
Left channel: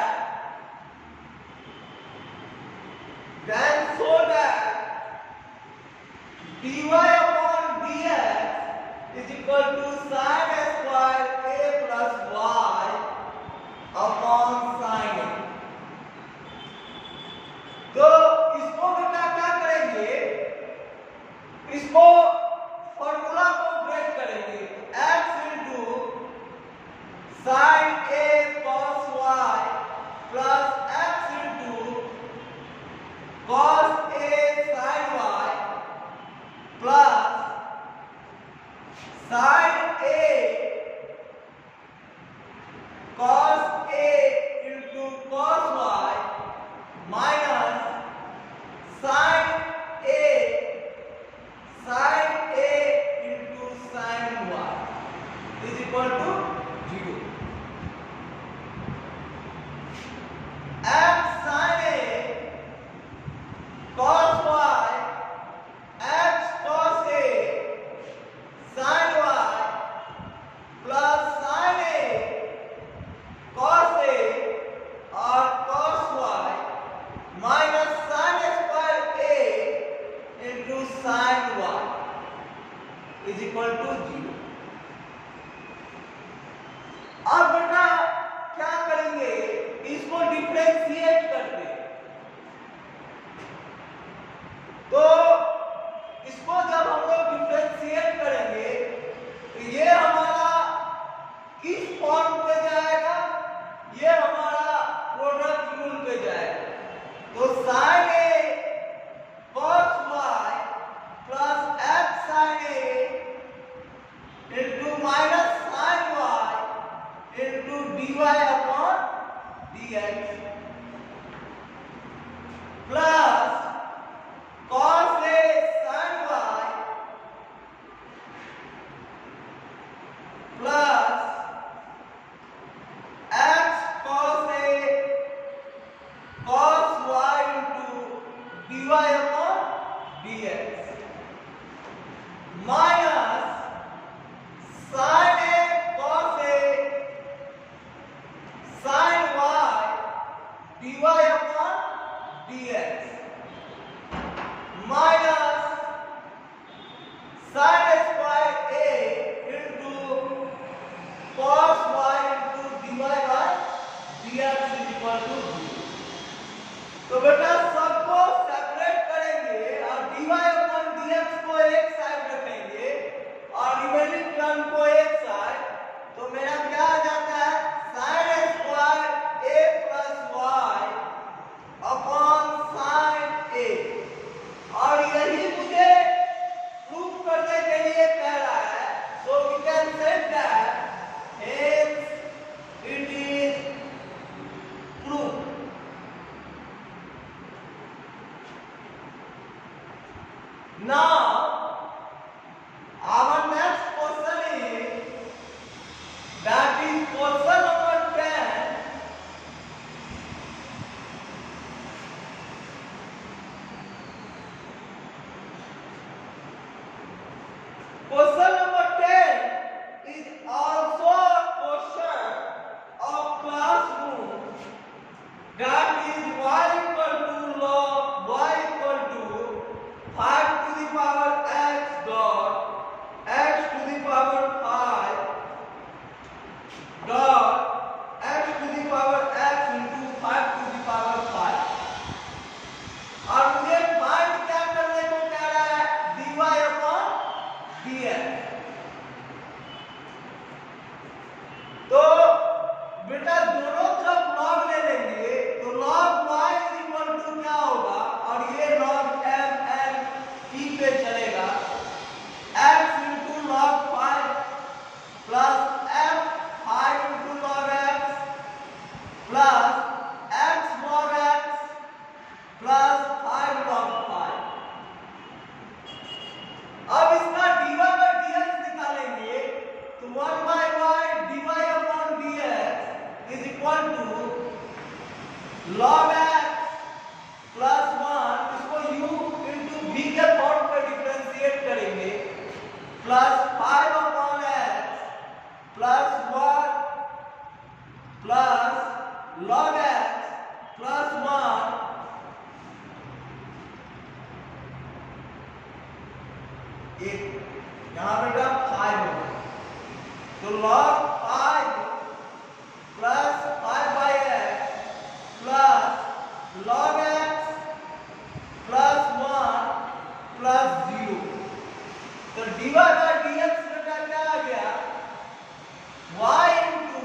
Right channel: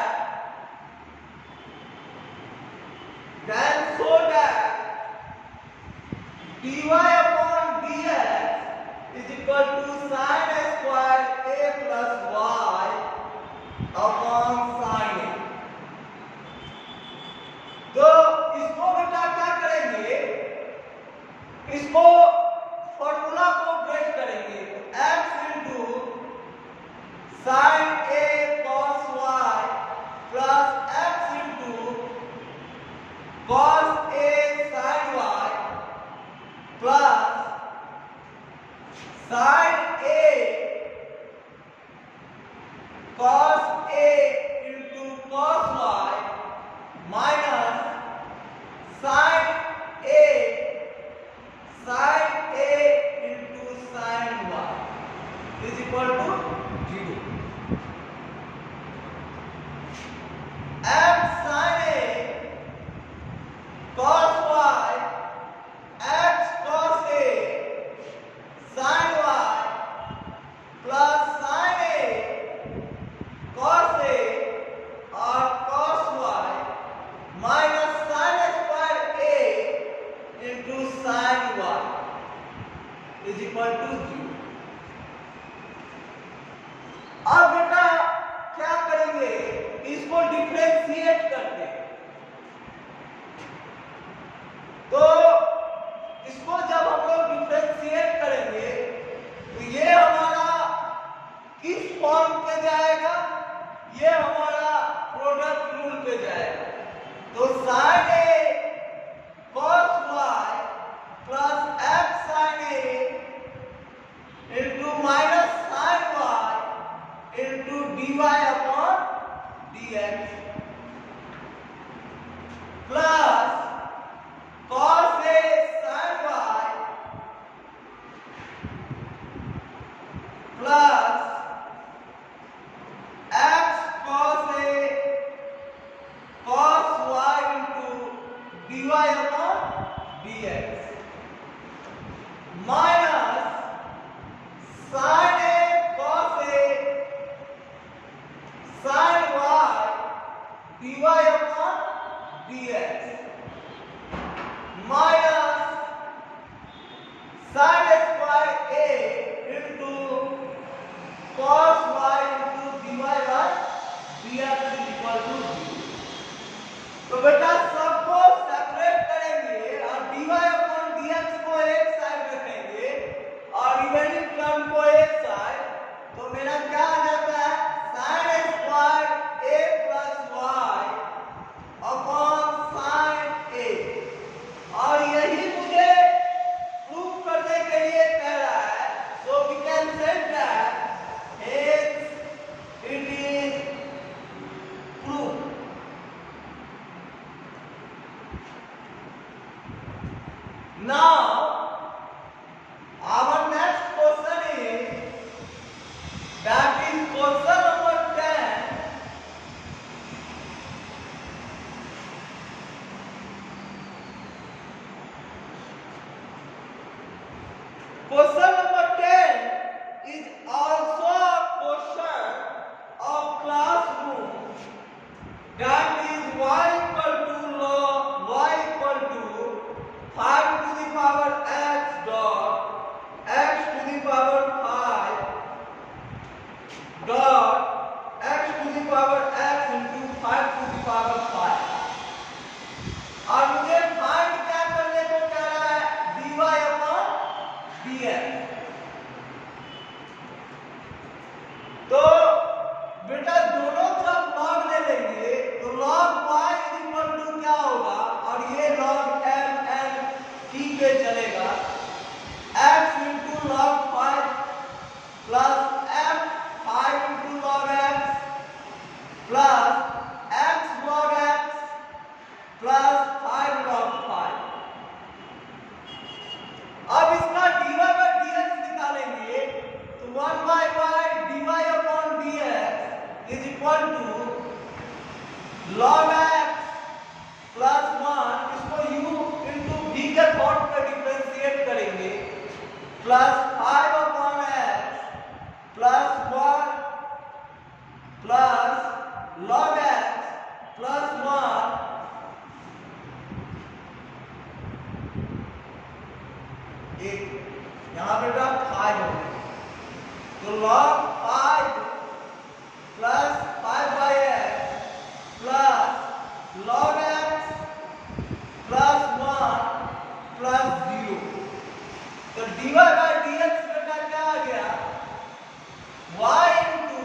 dy upon dx is equal to sin square a plus y upon sin a. तो इसको बेटा क्या करेंगे, इसको फॉर्मूला को ब्रेक करेंगे। x into sin a cos y plus x into cos a sin y plus sin a cos a into cos y minus sin a into sin y is equal to 0. x sin a cos y x cos a sin y plus sin a cos a और cos y minus sin square a into sin y is equal to 0. अब बेटा क्या करेंगे, इसको डिफरेंशिएट करते हैं। तो इसको जब हम लोग डिफरेंशिएट करेंगे तो ये हमारा किस फॉर्म पे जाएगा, ये हमारा प्रोडक्ट रूल पे जाएगा। तो sin a cos y plus x sin a into minus sin y into dy upon dx plus cos a sin y plus x cos a cos y into dy upon dx minus sin a cos a sin y dy upon dx minus sin square a into cos y into dy by dx is equal to 0. तो बेटा सबको सेपरेट करेंगे और dy upon dx को एक साइड रखेंगे और remaining term को एक साइड। तो मेरा क्या आ जाता है, sin square a plus y upon sin a। और यही मुझे प्रूफ करने के लिए कह रहा है। So we can say that hence it is proof. Now our next question is, that is question number 10. Question number 10 is also a question of classroom, that is y equal to log y equal to 5 to the power x dot x to the power 5 dot x to the power x into 5 to the power 5। और मुझे फाइंड क्या करने को कह रहा है, dy upon dx। तो बेटा दोनों तरफ लॉग ले लेंगे तो log y इक्वल टू क्या होगा, और ये log m n t पे चलेगा, x into log plus 5 upon x plus 1 plus log x plus 1 यहाँ पे टर्म 5 हो गया, तो log 5 plus 5 by x plus log x plus 1 plus 0, तो dy by dx का क्या आ गया, y into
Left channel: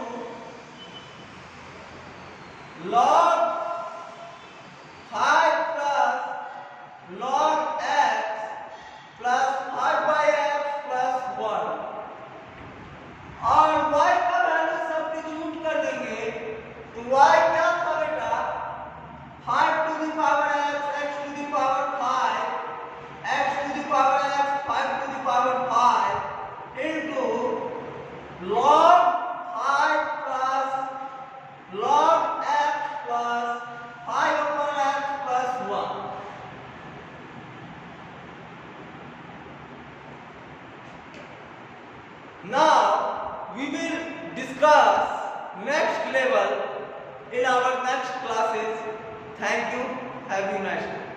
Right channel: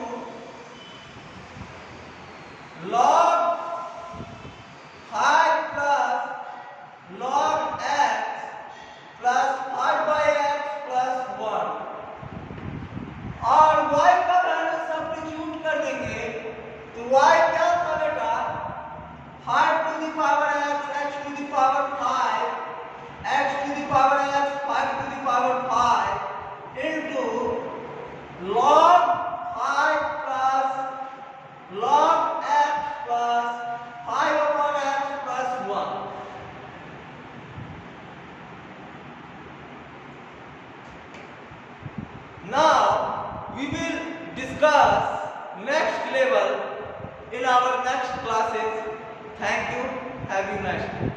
log 5 plus log x plus 5 by x plus 1, और y का वैल्यू सब्स्टिट्यूट कर देंगे, तो y क्या था बेटा, 5 to the power x to the power 5, x to the power x 5 to the power 5 into log 5 plus log x plus 5 upon x plus 1. Now we will discuss next level in our next classes. Thank you. Have a nice day.